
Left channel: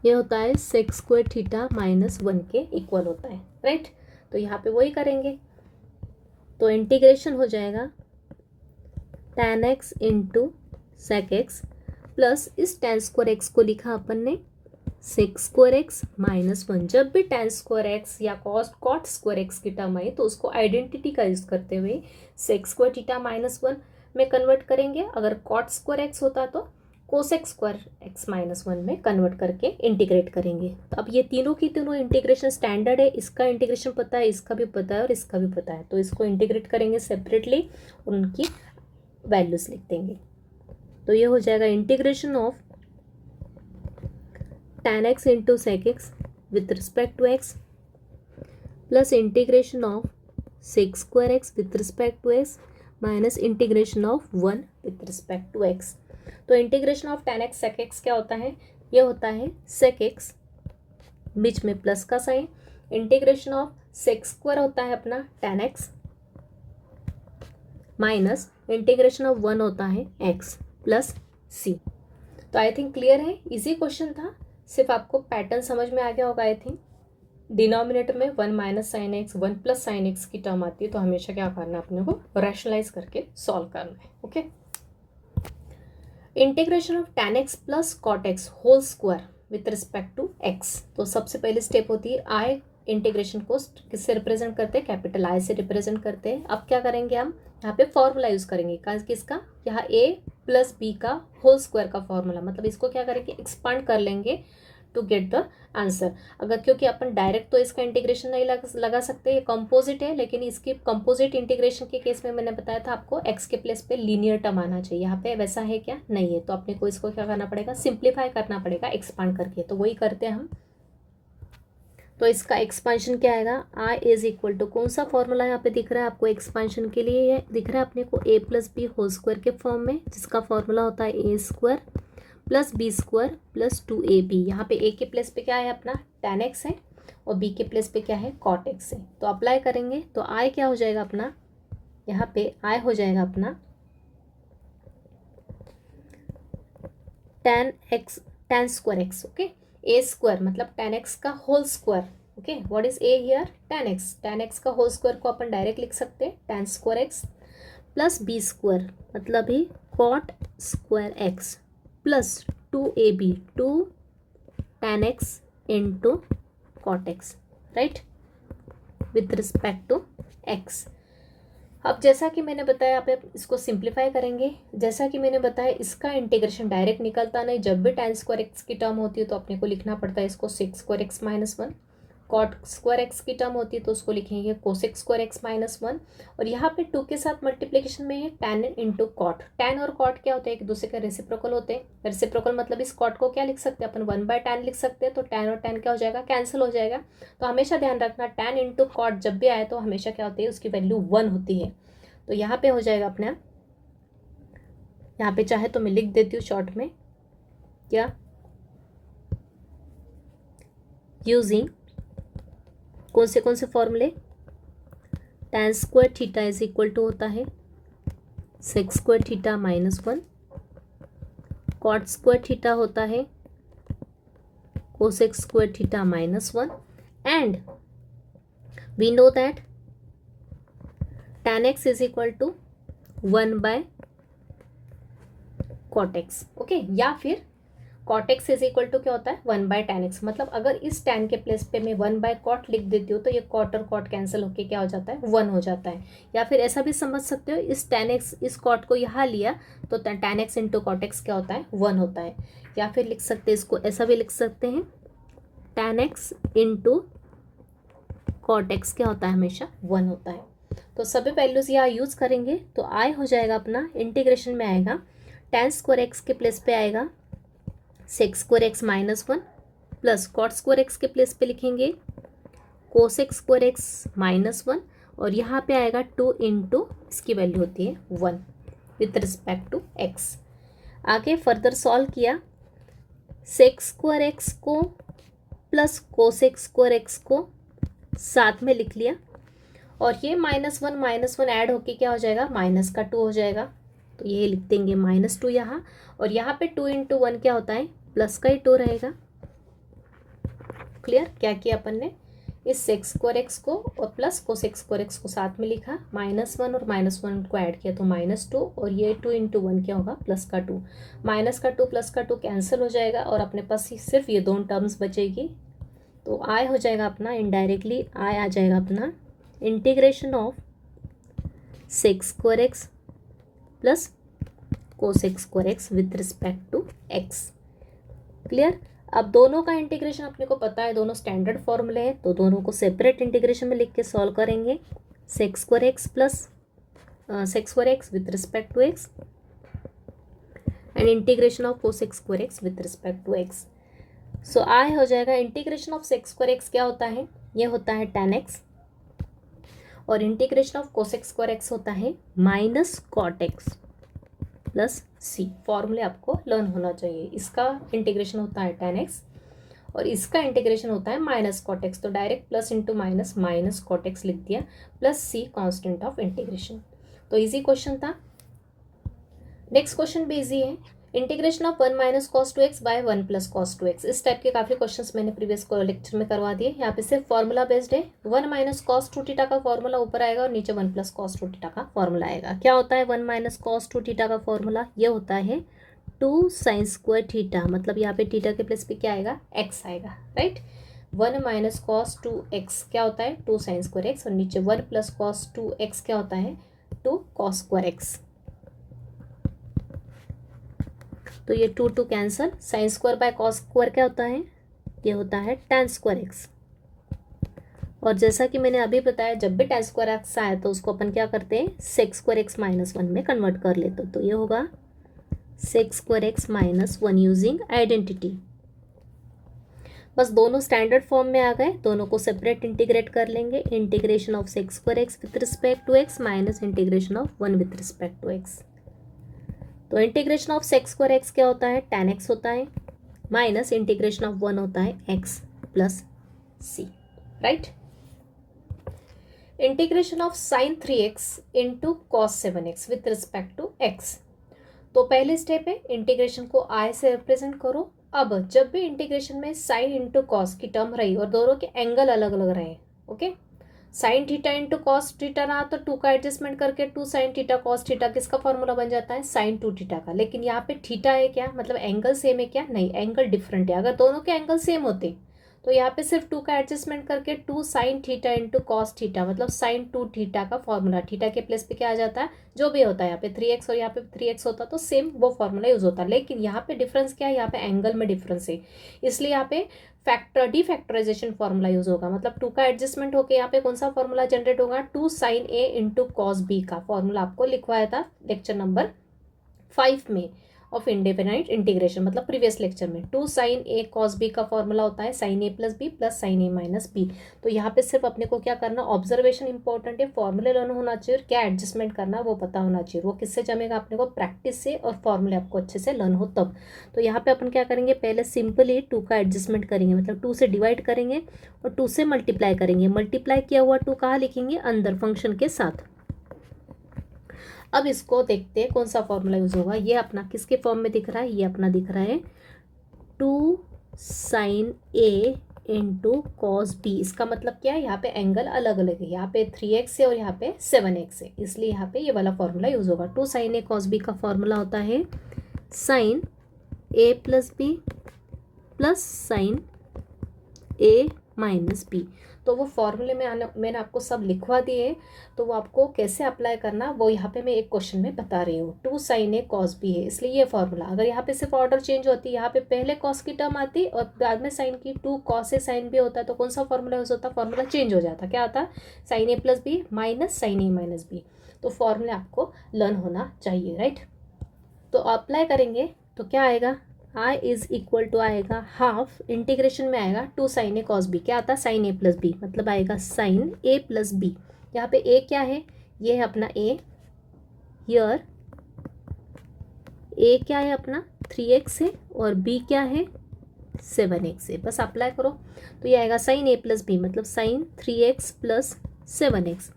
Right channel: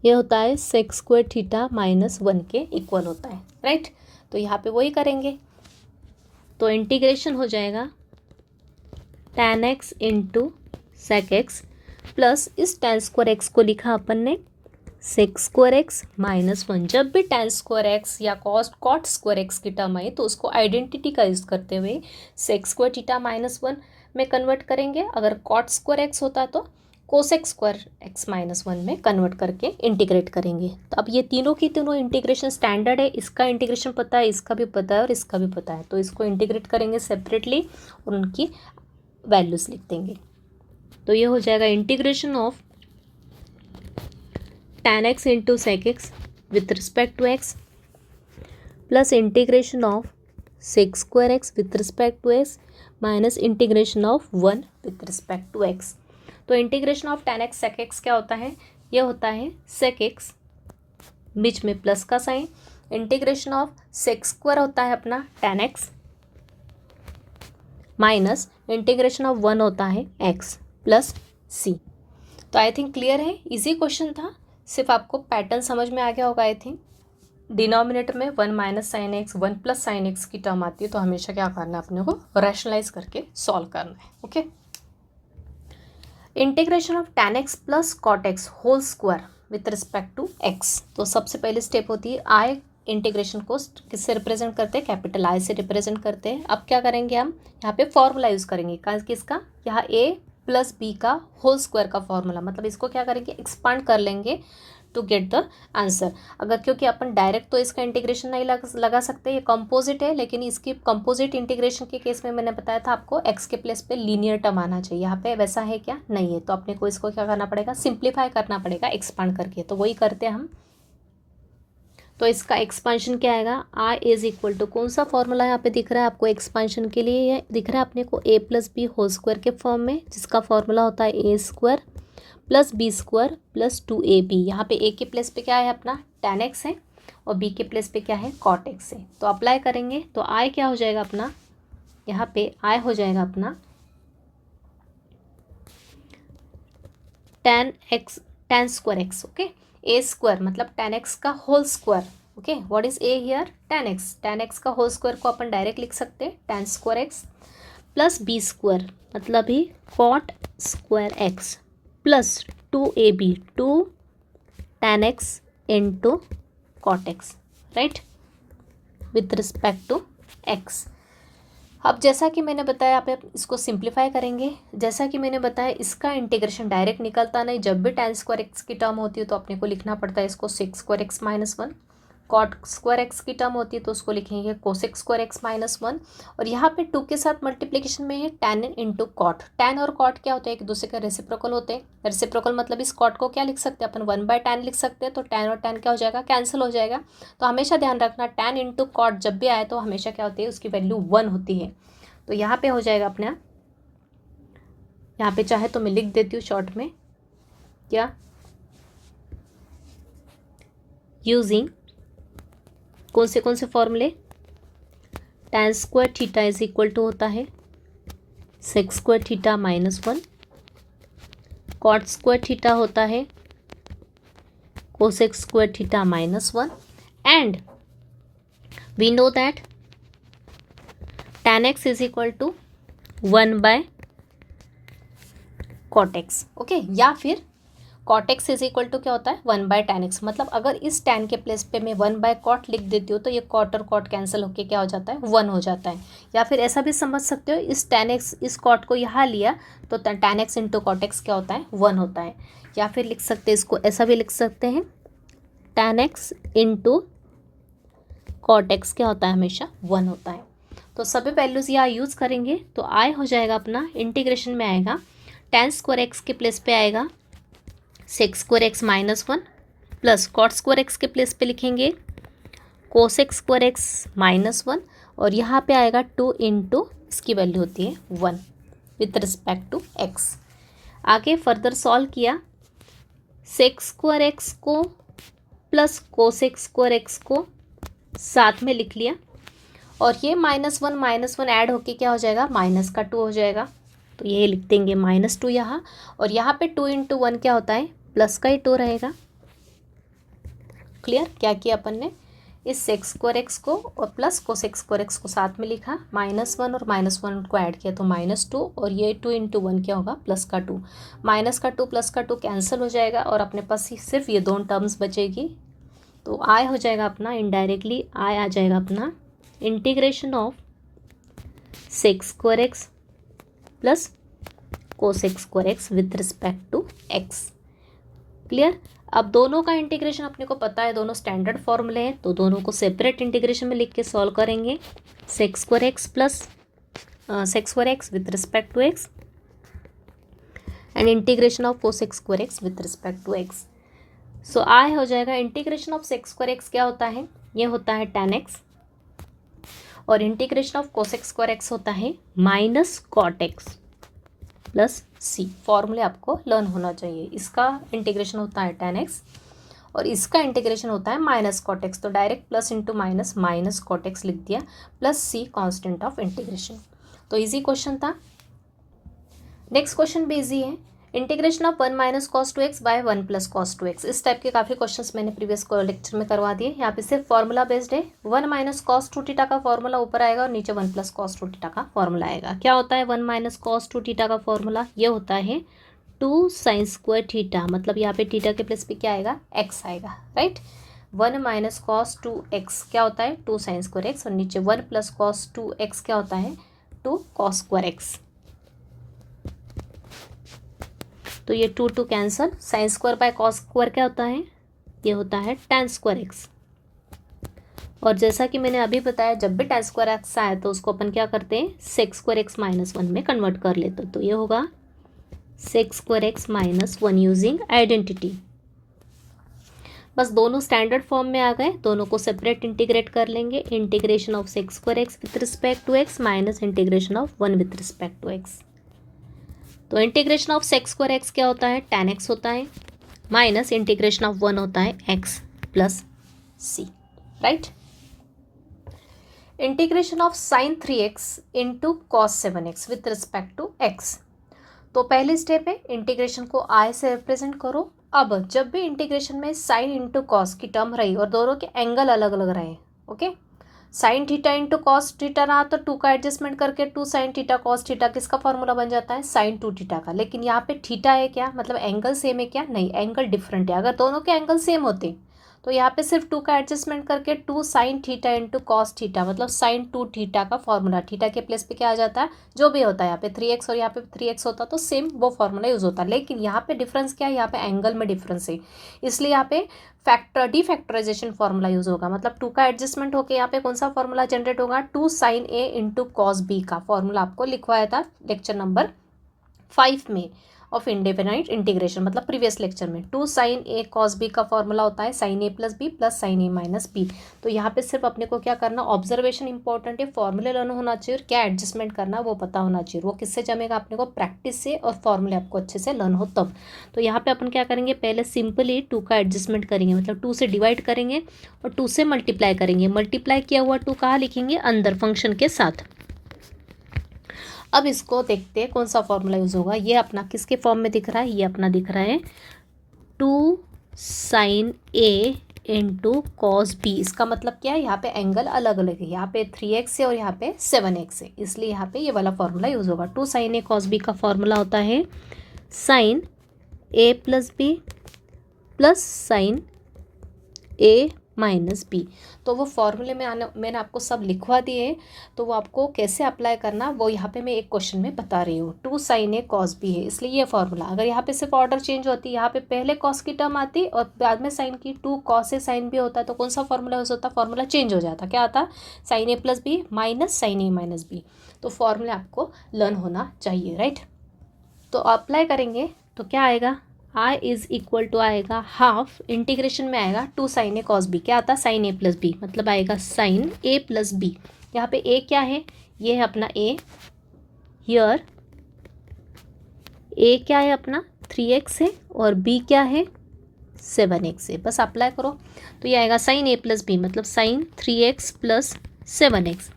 ये होता है सेक स्क्वायर थीटा माइनस 1 के इक्वल होता है, राइट। तो यहाँ पे वही करेंगे, तो इंटीग्रेशन हो जाएगा tan x into sec x plus इस tan स्क्वायर एक्स को लिखा अपन ने सेक स्क्वायर एक्स माइनस 1। जब भी tan स्क्वायर एक्स या कॉट स्क्वायर एक्स की टर्म आई तो उसको आइडेंटिटी का यूज़ करते हुए सेक स्क्वायर थीटा माइनस 1 में कन्वर्ट करेंगे, अगर कॉट स्क्वायर एक्स होता तो कोसेक स्क्वायर एक्स माइनस 1 में कन्वर्ट करके इंटीग्रेट करेंगे। तो अब ये तीनों की तीनों इंटीग्रेशन स्टैंडर्ड है, इसका इंटीग्रेशन पता है, इसका भी पता है और इसका भी पता है, तो इसको इंटीग्रेट करेंगे सेपरेटली और उनकी वैल्यूज लिख देंगे। तो ये हो जाएगा integration of tan x into sec X with respect to x plus integration of sec square x with respect to x minus integration of 1 with respect to x. तो integration of tan x sec x क्या होता है, ये होता है sec x बीच में प्लस का sine, integration of sec square होता है अपना tan x minus integration of 1 होता है x प्लस c। तो आई थिंक क्लियर है, इजी क्वेश्चन था, सिर्फ आपको पैटर्न समझ में आ गया होगा। आई थिंक डिनोमिनेटर में 1 minus sine x 1 plus sine x की टर्म आती है, तो हमेशा क्या करना है अपने को, रैशनलाइज करके सॉल्व करना है। Okay, integration of tan x plus cot x whole square with respect to x। तो सबसे पहले स्टेप होती है आई, इंटीग्रेशन को किससे रिप्रेजेंट करते हैं, कैपिटल आई से रिप्रेजेंट करते हैं। अब क्या करेंगे हम, यहाँ पे फॉर्मूला यूज़ करेंगे किसका, यहाँ a प्लस बी का होल स्क्वायर का फॉर्मूला, मतलब इसको क्या करेंगे, एक्सपांड कर लेंगे टू गेट द आंसर। अगर क्योंकि अपन डायरेक्ट तो इसका इंटीग्रेशन नहीं लगा सकते, ये कंपोजिट है, लेकिन इसकी कंपोजिट इंटीग्रेशन के केस में मैंने बताया था आपको एक्स के प्लेस पे लीनियर टर्म आना चाहिए, यहाँ पे वैसा है क्या, नहीं है। तो अपने को इसको क्या करना पड़ेगा, सिंप्लीफाई करना पड़ेगा एक्सपांड करके, तो वही करते हैं हम। तो इसका एक्सपांशन क्या आएगा, आई इज इक्वल टू, कौन सा फॉर्मूला यहाँ पे दिख रहा है आपको एक्सपांशन के लिए, ये दिख रहा है अपने को a plus B whole square के फॉर्म में, जिसका फॉर्मूला होता है A square plus B square plus 2ab। यहाँ पे a के प्लेस पे क्या है अपना tan x है और b के प्लेस पे क्या है cot x है। तो अप्लाई करेंगे तो i क्या हो जाएगा अपना, यहाँ पे i हो जाएगा अपना tan square x। Okay, a square मतलब tan x का whole square. Okay, what is a here, tan x का होल स्क्वायर को अपन डायरेक्ट लिख सकते हैं tan square x plus b square मतलब ही cot square x plus 2ab 2 tan x into cot x, right, with respect to x। अब जैसा कि मैंने बताया, आप इसको सिंप्लीफाई करेंगे, जैसा कि मैंने बताया इसका इंटीग्रेशन डायरेक्ट निकलता नहीं, जब भी tan स्क्वायर एक्स की टर्म होती है तो अपने को लिखना पड़ता है इसको sec square x minus 1, cot square x की टर्म होती है तो उसको लिखेंगे कोसेक स्क्वायर एक्स माइनस 1, और यहाँ पे 2 के साथ मल्टीप्लिकेशन में है tan इंटू कॉट। tan और कॉट क्या होता है, एक दूसरे के रेसिप्रोकल होते हैं, रेसिप्रोकल मतलब इस कॉट को क्या लिख सकते हैं अपन 1/tan लिख सकते हैं, तो tan और tan क्या हो जाएगा, कैंसिल हो जाएगा। तो हमेशा ध्यान रखना tan इंटू कॉट जब भी आए तो हमेशा क्या होती है, उसकी वैल्यू 1 होती है। तो यहाँ पे हो जाएगा अपना, यहाँ पे चाहे तो मैं लिख देती हूँ शॉर्ट में, क्या, यूजिंग कौन से फॉर्मूले, tan square theta is equal to होता है sec square theta minus 1, cot square theta होता है cosec square theta minus 1, and we know that tan x is equal to 1/cot x। Okay, या फिर cot x is equal to क्या होता है 1/tan x, मतलब अगर इस tan के प्लेस पे मैं 1/cot लिख देती हूँ तो ये cot और cot कैंसिल होके क्या हो जाता है 1 हो जाता है। या फिर ऐसा भी समझ सकते हो, इस tan x इस cot को यहाँ लिया तो tan x into cot x क्या होता है 1 होता है। या फिर लिख सकते हैं इसको, ऐसा भी लिख सकते हैं tan x into cot x क्या होता है हमेशा 1 होता है। तो सभी वैल्यूज़ यहाँ यूज़ करेंगे तो आई हो जाएगा अपना, इंटीग्रेशन में आएगा tan स्क्वायर एक्स के प्लेस पे आएगा sec square x minus one plus cot square x के प्लेस पे लिखेंगे cosec square x minus one और यहाँ पे आएगा 2 इंटू इसकी वैल्यू होती है 1 विथ रिस्पेक्ट टू एक्स। आगे फर्दर सॉल्व किया, सेक स्क्वायर एक्स को प्लस कोसेक स्क्वायर एक्स को साथ में लिख लिया और ये माइनस वन ऐड होके क्या हो जाएगा माइनस का 2 हो जाएगा। तो ये लिख देंगे -2 यहाँ और यहाँ पे 2 इंटू 1 क्या होता है प्लस का ही 2 रहेगा। क्लियर? क्या किया अपन ने, इस सेक स्क्वायर एक्स को और प्लस कोसेक स्क्वायर एक्स को साथ में लिखा, -1 और -1 को ऐड किया तो -2 और ये 2 इंटू 1 क्या होगा प्लस का 2, माइनस का 2 प्लस का 2 कैंसिल हो जाएगा और अपने पास सिर्फ ये दोनों टर्म्स बचेगी। तो आई हो जाएगा अपना, इनडायरेक्टली आई आ जाएगा अपना integration of sec square x plus cosec square x with respect to x. Clear? अब दोनों का इंटीग्रेशन अपने को पता है, दोनों स्टैंडर्ड फॉर्मूले हैं तो दोनों को सेपरेट इंटीग्रेशन में लिख के सॉल्व करेंगे। Sec square x plus sec square x with respect to X and integration of cosec square x with respect to X. So I हो जाएगा integration of sec square x क्या होता है, ये होता है tan एक्स और integration of cosec square X होता है minus cot X plus C. फॉर्मूले आपको लर्न होना चाहिए। इसका इंटीग्रेशन होता है tan एक्स और इसका इंटीग्रेशन होता है माइनस कॉट एक्स, तो direct plus into minus minus cot x लिख दिया plus C constant of integration. तो इजी क्वेश्चन था। नेक्स्ट क्वेश्चन भी इजी है, integration of 1 minus cos 2x by 1 plus cos 2x। इस टाइप के काफ़ी क्वेश्चंस मैंने प्रीवियस लेक्चर में करवा दिए। यहाँ पे सिर्फ फॉर्मूला बेस्ड है, 1 माइनस कॉस 2 थीटा का फॉर्मूला ऊपर आएगा और नीचे 1 प्लस कॉस 2 थीटा का फॉर्मूला आएगा। क्या होता है 1 माइनस कॉस 2 थीटा का फॉर्मूला, ये होता है 2 साइन स्क्वायर थीटा, मतलब यहाँ पे थीटा के प्लेस पे क्या आएगा x आएगा, राइट। 1 माइनस कॉस 2x क्या होता है 2 साइन स्क्वायर x और नीचे 1 प्लस कॉस 2x क्या होता है 2 कॉस स्क्वायर x। तो ये 2 cancel, sine square by cos square क्या होता है, ये होता है tan स्क्वायर एक्स। और जैसा कि मैंने अभी बताया जब भी tan स्क्वायर एक्स आए तो उसको अपन क्या करते हैं सेक स्क्वायर एक्स माइनस 1 में कन्वर्ट कर लेते, तो ये होगा sec square x minus 1 using identity. बस दोनों स्टैंडर्ड फॉर्म में आ गए, दोनों को सेपरेट इंटीग्रेट कर लेंगे। Integration of sec square x with respect to x minus integration of 1 with respect to x. तो integration of sec square x क्या होता है tan एक्स होता है माइनस इंटीग्रेशन ऑफ 1 होता है x plus c, right. Integration of sine 3x into cos 7x with respect to x। तो पहले स्टेप है इंटीग्रेशन को i से रिप्रेजेंट करो। अब जब भी इंटीग्रेशन में साइन इंटू कॉस की टर्म रही और दोनों के एंगल अलग अलग रहे, okay, sine theta into cos theta रहा तो 2 का एडजस्टमेंट करके 2 साइन थीटा कॉस थीटा किसका फॉर्मूला बन जाता है साइन 2 थीटा का। लेकिन यहाँ पे थीटा है क्या, मतलब एंगल सेम है क्या, नहीं, एंगल डिफरेंट है। अगर दोनों के एंगल सेम होते तो यहाँ पे सिर्फ 2 का एडजस्टमेंट करके 2 sine theta into cos theta मतलब साइन 2 थीटा का फॉर्मूला, थीटा के प्लेस पे क्या आ जाता है जो भी होता है, यहाँ पे 3x और यहाँ पे 3x होता तो सेम वो फॉर्मूला यूज होता। लेकिन यहाँ पे डिफरेंस क्या है, यहाँ पे एंगल में डिफरेंस है, इसलिए यहाँ पे डीफैक्टराइजेशन फॉर्मूला यूज होगा। मतलब 2 का एडजस्टमेंट होकर यहाँ पे कौन सा फॉर्मूला जनरेट होगा 2 साइन ए इंटू कॉस बी का फॉर्मूला आपको लिखवाया था लेक्चर नंबर 5 में ऑफ इंडेफिनाइट इंटीग्रेशन, मतलब प्रीवियस लेक्चर में 2 साइन ए कॉस बी का फॉर्मूला होता है साइन ए प्लस बी प्लस साइन ए माइनस बी। तो यहाँ पे सिर्फ अपने को क्या करना, ऑब्जर्वेशन इंपॉर्टेंट है, फॉर्मूले लर्न होना चाहिए और क्या एडजस्टमेंट करना वो पता होना चाहिए। वो किससे जमेगा अपने को, प्रैक्टिस से और फॉर्मूले आपको अच्छे से लर्न हो तब। तो यहाँ पे अपन क्या करेंगे, पहले सिंपली 2 का एडजस्टमेंट करेंगे, मतलब 2 से डिवाइड करेंगे और 2 से मल्टीप्लाई करेंगे। मल्टीप्लाई किया हुआ 2 कहाँ लिखेंगे, अंदर फंक्शन के साथ। अब इसको देखते हैं कौन सा फॉर्मूला यूज होगा। ये अपना किसके फॉर्म में दिख रहा है, ये अपना दिख रहा है 2 साइन ए इंटू कॉस बी। इसका मतलब क्या है, यहाँ पे एंगल अलग अलग है, यहाँ पे 3x है और यहाँ पे 7x है, इसलिए यहाँ पे ये वाला फॉर्मूला यूज होगा। 2 साइन ए कॉस बी का फॉर्मूला होता है साइन ए प्लस बी प्लस साइन ए माइनस बी। तो वो फॉर्मूले में मैंने आपको सब लिखवा दिए, तो वो आपको कैसे अप्लाई करना वो यहाँ पे मैं एक क्वेश्चन में बता रही हूँ। 2 साइन ए कॉस बी है इसलिए ये फॉर्मूला। अगर यहाँ पे सिर्फ ऑर्डर चेंज होती, यहाँ पे पहले कॉस की टर्म आती और बाद में साइन की, 2 कॉस ए साइन बी होता तो कौन सा फॉर्मूला यूज होता, फॉर्मूला चेंज हो जाता। क्या आता, साइन ए प्लस बी माइनस साइन ए माइनस बी। तो फॉर्मूला आपको लर्न होना चाहिए, राइट। तो अप्लाई करेंगे तो क्या आएगा, आई इज इक्वल टू आएगा हाफ, इंटीग्रेशन में आएगा 2 साइन ए कॉस बी, क्या आता है साइन ए प्लस बी, मतलब आएगा साइन ए प्लस बी। यहाँ पे ए क्या है, ये है अपना ए, हियर ए क्या है अपना 3x है और b क्या है 7x है। बस अप्लाई करो तो ये आएगा साइन ए प्लस बी, मतलब साइन 3x प्लस 7x,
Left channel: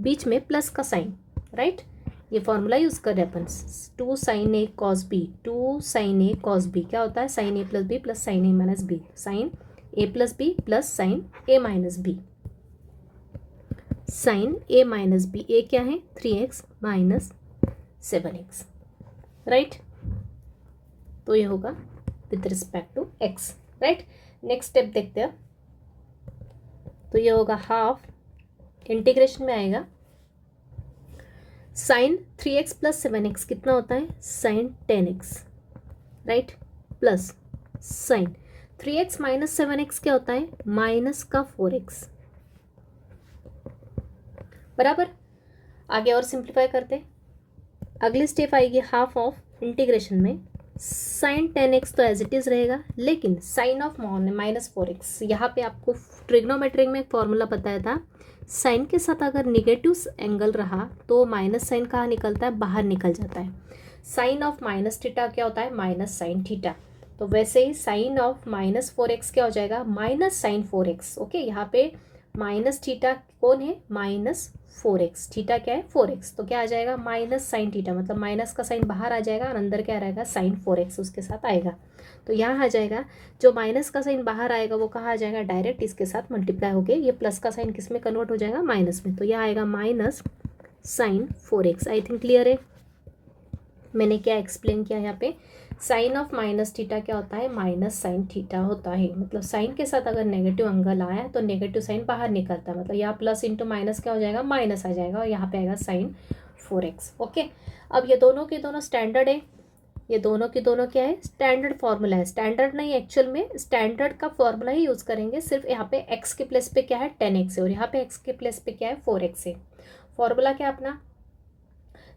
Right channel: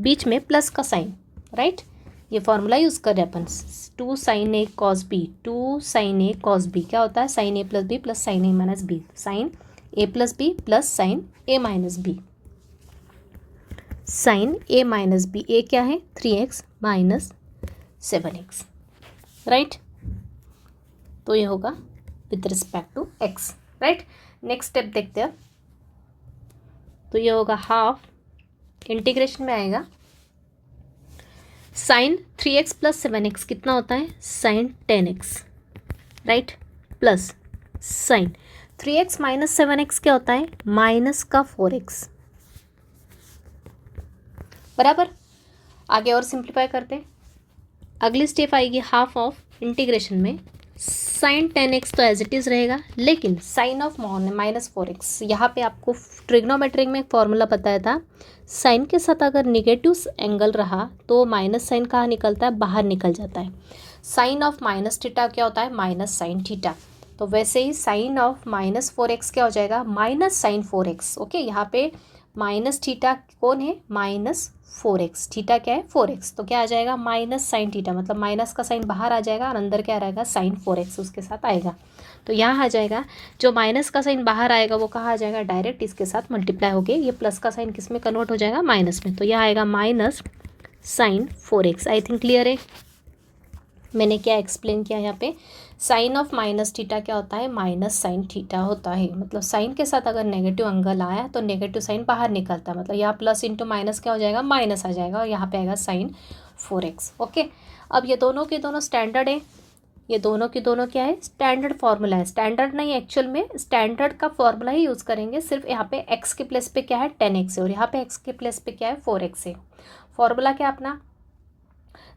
बीच में प्लस का साइन, राइट। ये फॉर्मूला यूज़ कर रहे हैं अपन, 2 साइन ए कॉस बी, 2 साइन ए कॉस बी क्या होता है sign A plus B plus sign A minus B, sign A plus B plus sign A minus B, sign A minus B, A क्या है 3x माइनस 7x, राइट। तो ये होगा with respect to x, right. Next step देखते हैं, तो ये होगा हाफ, इंटीग्रेशन में आएगा साइन 3x प्लस 7x कितना होता है sine 10x, right, plus sine 3x minus 7x क्या होता है माइनस का 4x, बराबर। आगे और सिंप्लीफाई करते हैं, अगली स्टेप आएगी हाफ ऑफ इंटीग्रेशन में साइन 10x तो एज इट इज़ रहेगा, लेकिन साइन ऑफ माइनस 4x, यहाँ पे आपको ट्रिग्नोमेट्रिक में फॉर्मूला बताया था, साइन के साथ अगर निगेटिव एंगल रहा तो माइनस साइन कहाँ निकलता है बाहर निकल जाता है। साइन ऑफ माइनस थीटा क्या होता है माइनस साइन थीटा, तो वैसे ही साइन ऑफ माइनस 4x क्या हो जाएगा माइनस साइन 4x। ओके, यहाँ पे माइनस थीटा कौन है माइनस 4x, थीटा क्या है 4x, तो क्या आ जाएगा माइनस साइन थीटा, मतलब माइनस का साइन बाहर आ जाएगा और अंदर क्या रहेगा साइन 4x उसके साथ आएगा। तो यहाँ आ जाएगा जो माइनस का साइन बाहर आएगा वो कहाँ आ जाएगा डायरेक्ट इसके साथ मल्टीप्लाई हो गए, ये प्लस का साइन किस में कन्वर्ट हो जाएगा माइनस में, तो यह आएगा minus sine 4x। I think clear है, मैंने क्या एक्सप्लेन किया यहाँ पे, साइन ऑफ माइनस थीटा क्या होता है माइनस साइन थीटा होता है, मतलब साइन के साथ अगर नेगेटिव एंगल आया तो नेगेटिव साइन बाहर निकलता है, मतलब यहाँ प्लस इंटू माइनस क्या हो जाएगा माइनस आ जाएगा और यहाँ पे आएगा साइन 4x। ओके, अब ये दोनों के दोनों स्टैंडर्ड है, ये दोनों की दोनों क्या है स्टैंडर्ड फॉर्मूला है, स्टैंडर्ड नहीं एक्चुअल में स्टैंडर्ड का फॉर्मूला ही यूज़ करेंगे, सिर्फ यहाँ पे x के प्लेस पे क्या है 10x है और यहाँ पे x के प्लेस पे क्या है 4x है। फॉर्मूला क्या अपना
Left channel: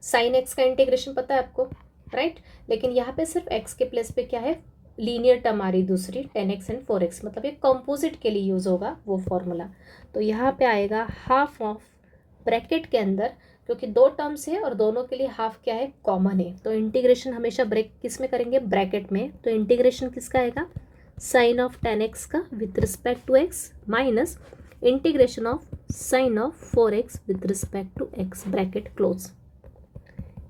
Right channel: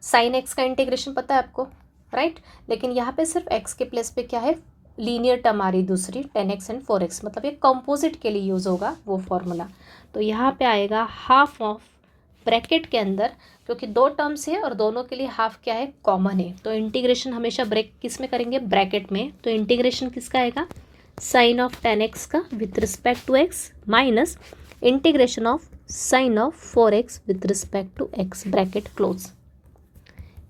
साइन x का इंटीग्रेशन पता है आपको, राइट, लेकिन यहाँ पे सिर्फ x के प्लेस पे क्या है लीनियर टर्म आ रही दूसरी 10x एंड 4x, मतलब ये कंपोजिट के लिए यूज़ होगा वो फॉर्मूला। तो यहाँ पे आएगा हाफ ऑफ ब्रैकेट के अंदर, क्योंकि दो टर्म्स है और दोनों के लिए हाफ क्या है कॉमन है, तो इंटीग्रेशन हमेशा ब्रेक किस में करेंगे ब्रैकेट में, तो इंटीग्रेशन किसका आएगा साइन ऑफ 10x का with respect to x minus integration of sine of 4x with respect to x, bracket close.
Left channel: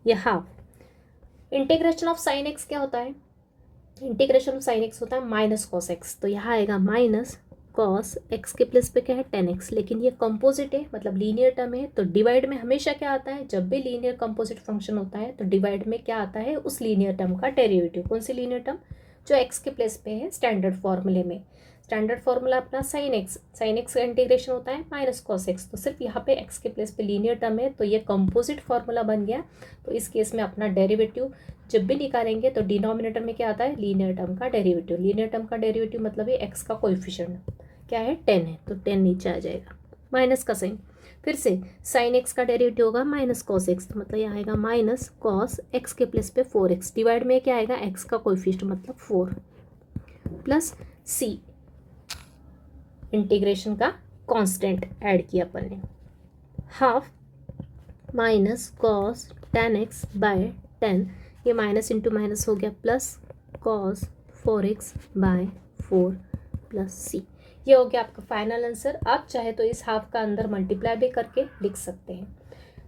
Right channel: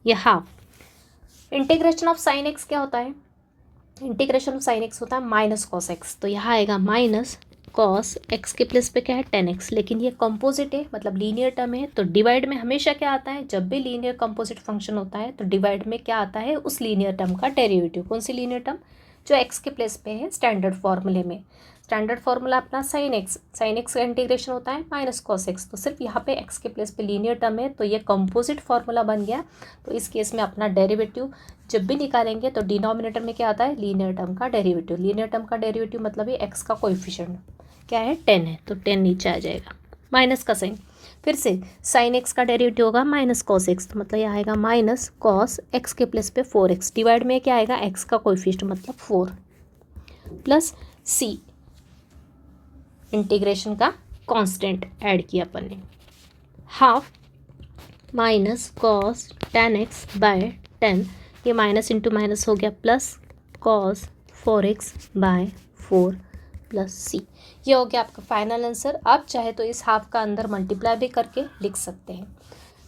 ये half integration of sine X क्या होता है, इंटीग्रेशन ऑफ साइन एक्स होता है माइनस कॉस एक्स, तो यहाँ आएगा माइनस कॉस एक्स के प्लेस पे क्या है 10x, लेकिन ये कंपोजिट है मतलब लीनियर टर्म है, तो डिवाइड में हमेशा क्या आता है जब भी लीनियर कंपोजिट फंक्शन होता है तो डिवाइड में क्या आता है उस लीनियर टर्म का डेरिवेटिव, कौन सी लीनियर टर्म जो x के प्लेस पे है स्टैंडर्ड फॉर्मूले में। स्टैंडर्ड फॉर्मूला अपना साइन एक्स का इंटीग्रेशन होता है माइनस कॉस एक्स, तो सिर्फ यहाँ पे x के प्लेस पे लीनियर टर्म है तो ये कंपोजिट फॉर्मूला बन गया। तो इस केस में अपना डेरिवेटिव जब भी निकालेंगे तो डिनोमिनेटर में क्या आता है लीनियर टर्म का डेरिवेटिव, लीनियर टर्म का डेरिवेटिव मतलब ये x का कोएफिशिएंट क्या है 10 है, तो 10 नीचे आ जाएगा, माइनस का साइन, फिर से साइन एक्स का डेरिवेटिव होगा माइनस कॉस एक्स, तो मतलब ये आएगा माइनस कॉस एक्स के प्लेस पे 4x, डिवाइड में क्या आएगा x का कोएफिशिएंट मतलब 4 प्लस c इंटीग्रेशन का कांस्टेंट ऐड किया अपन ने, half minus cos 10x by 10, ये माइनस इंटू माइनस हो गया plus cos 4x by 4 plus c, ये हो गया आपका फाइनल आंसर। आप चाहे तो इस हाफ का अंदर मल्टीप्लाई भी करके लिख सकते हैं।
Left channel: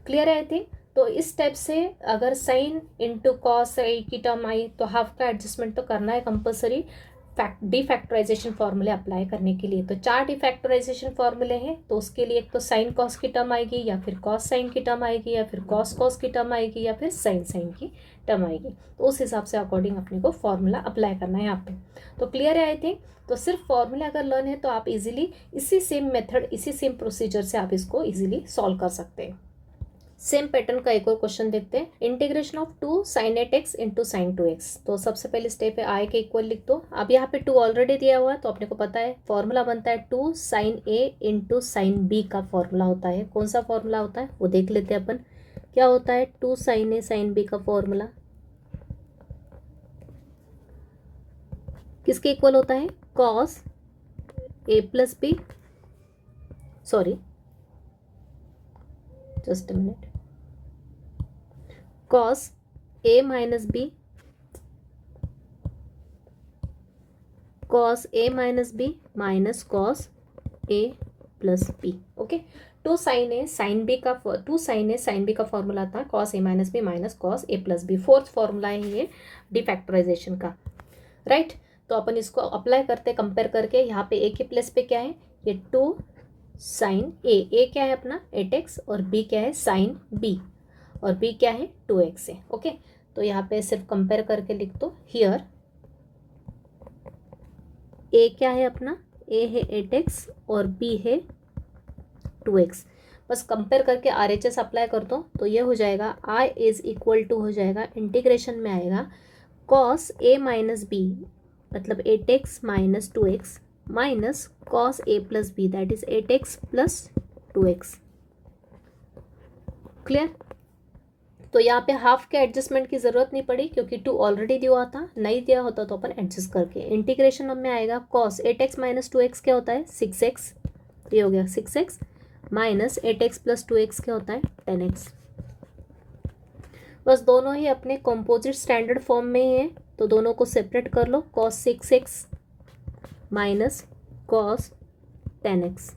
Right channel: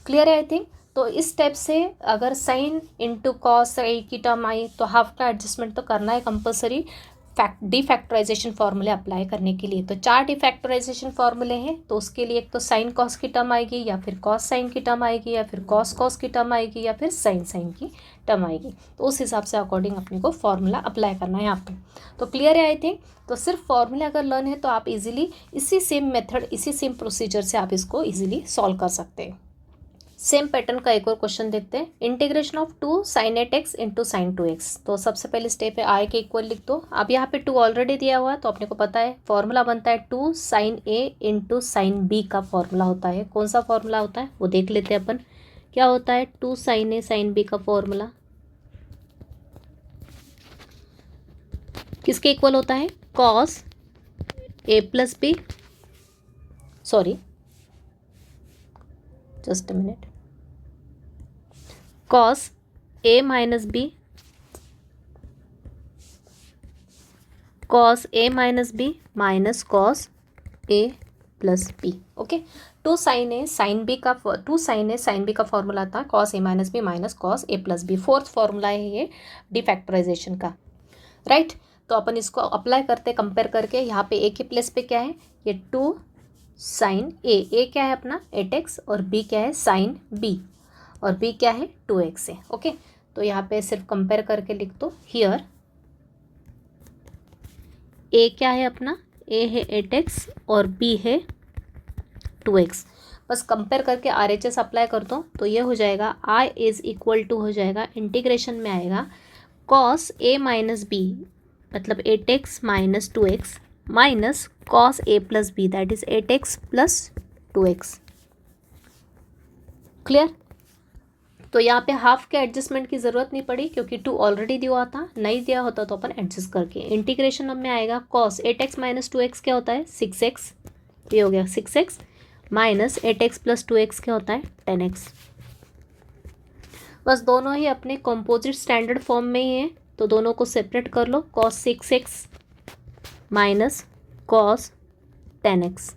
क्लियर है आई थिंक। तो इस स्टेप से अगर साइन इंटू कॉस की टर्म आई तो हाफ का एडजस्टमेंट तो करना है कंपलसरी डिफैक्टराइजेशन फॉर्मूले अप्लाई करने के लिए। तो 4 डिफैक्टराइजेशन फॉर्मूले हैं, तो उसके लिए एक तो साइन कॉस की टर्म आएगी या फिर कॉस साइन की टर्म आएगी या फिर कॉस कॉस की टर्म आएगी या फिर साइन साइन की टर्म आएगी, तो उस हिसाब से अकॉर्डिंग अपने को फॉर्मूला अप्लाई करना है यहाँ पे। तो क्लियर है आई थिंक। तो सिर्फ फॉर्मूले अगर लर्न है तो आप इजीली इसी सेम मेथड इसी सेम प्रोसीजर से आप इसको इजीली सॉल्व कर सकते हैं। सेम पैटर्न का एक और क्वेश्चन देखते हैं, integration of 2 sin 8x into sine 2x। तो सबसे पहले स्टेप है आई के इक्वल लिख दो। अब यहाँ पे 2 ऑलरेडी दिया हुआ है तो अपने को पता है फॉर्मूला बनता है 2 sin a into sine b का फॉर्मूला होता है। कौन सा फॉर्मूला होता है वो देख लेते हैं अपन, क्या होता है 2 sin a sin b का फॉर्मूला, किसके इक्वल होता है, cos A plus B, sorry just a minute, cos A minus B, cos A minus B minus cos A plus B. Okay, two sine A sine B का फॉर्मूला था cos A minus B minus cos A plus B. Fourth formula है ये डिफैक्टराइजेशन का, राइट। तो अपन इसको अप्लाई करते कंपेयर करके, यहाँ पे ए के प्लेस पे क्या है, ये टू साइन ए क्या है अपना 8x और बी क्या है साइन बी, और बी क्या है 2x है। ओके, तो यहाँ पे सिर्फ कंपेयर करके लिख दो, हियर ए क्या है अपना, ए है 8x और बी है 2x। बस कंपेयर करके RHS अप्लाई कर दो, तो ये हो जाएगा I इज इक्वल टू हो जाएगा, इंटीग्रेशन में आएगा कॉस ए माइनस बी मतलब 8x minus 2x minus cos A plus B that is 8x plus 2x। Clear. तो यहाँ पे हाफ के एडजस्टमेंट की ज़रूरत नहीं पड़ी क्योंकि 2 ऑलरेडी दिया हुआ था, नहीं दिया होता तो अपन एडजस्ट करके इंटीग्रेशन में आएगा कॉस 8x माइनस 2x क्या होता है 6x, ये हो गया 6x minus 8x plus 2x क्या होता है 10x। बस दोनों ही अपने कंपोजिट स्टैंडर्ड फॉर्म में ही है, तो दोनों को सेपरेट कर लो, cos 6x minus cos 10x।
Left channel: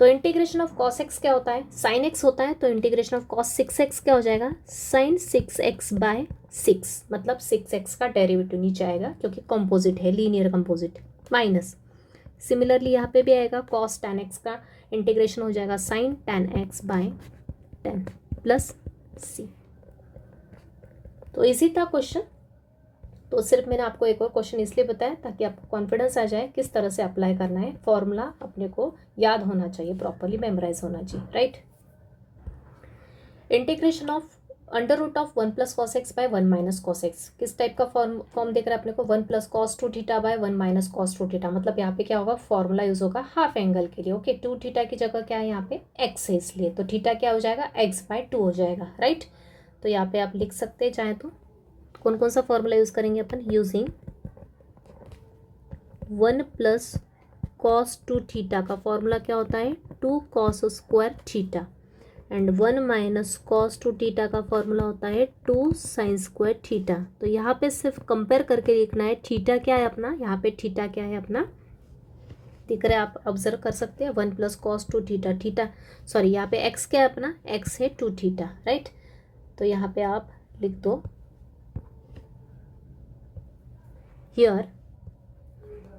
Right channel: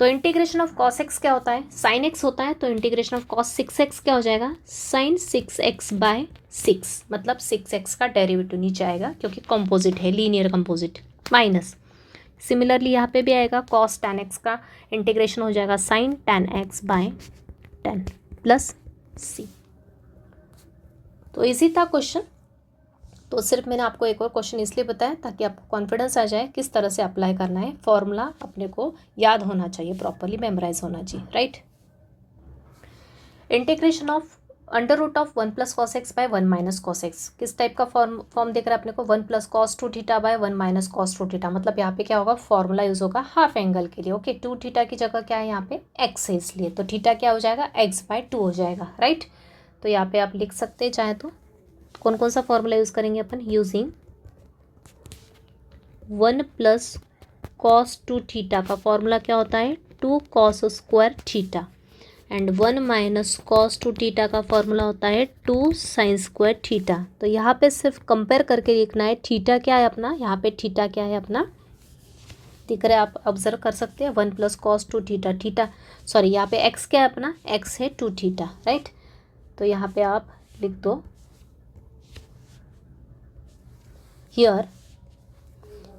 तो इंटीग्रेशन ऑफ कॉस एक्स क्या होता है, साइन एक्स होता है, तो इंटीग्रेशन ऑफ कॉस 6x क्या हो जाएगा, साइन 6x बाय 6, मतलब 6x का डेरिवेटिव नीचे आएगा क्योंकि कंपोजिट है, लीनियर कंपोजिट, माइनस सिमिलरली यहाँ पे भी आएगा कॉस 10x का इंटीग्रेशन हो जाएगा sine 10x by 10 plus c। तो इजी था क्वेश्चन। तो सिर्फ मैंने आपको एक और क्वेश्चन इसलिए बताया ताकि आपको कॉन्फिडेंस आ जाए किस तरह से अप्लाई करना है, फॉर्मूला अपने को याद होना चाहिए, प्रॉपरली मेमोराइज होना चाहिए, right. Integration of under root of 1 plus cos x by 1 minus cos x, किस टाइप का फॉर्म देख रहा है अपने को, 1 plus cos 2 theta by 1 minus cos 2 theta, मतलब यहाँ पे क्या होगा, फॉर्मूला यूज होगा हाफ एंगल के लिए। ओके, 2 थीटा की जगह क्या है यहाँ पे एक्स है, इसलिए तो थीटा क्या हो जाएगा एक्स बाय 2 हो जाएगा, राइट। तो यहाँ पे आप लिख सकते हैं चाहे तो, कौन कौन सा फॉर्मूला यूज़ करेंगे अपन, यूजिंग 1 प्लस कॉस 2 थीटा का फॉर्मूला क्या होता है 2 cos square theta, and 1 minus cos 2 theta का फॉर्मूला होता है 2 साइन स्क्वायर थीटा। तो यहाँ पे सिर्फ कंपेयर करके लिखना है, थीटा क्या है अपना, यहाँ पे थीटा क्या है अपना दिख रहा है, आप ऑब्जर्व कर सकते हैं 1 plus cos 2 theta, theta sorry यहाँ पे एक्स क्या है अपना, एक्स है 2 थीटा, राइट। तो यहाँ पे आप लिख दो हियर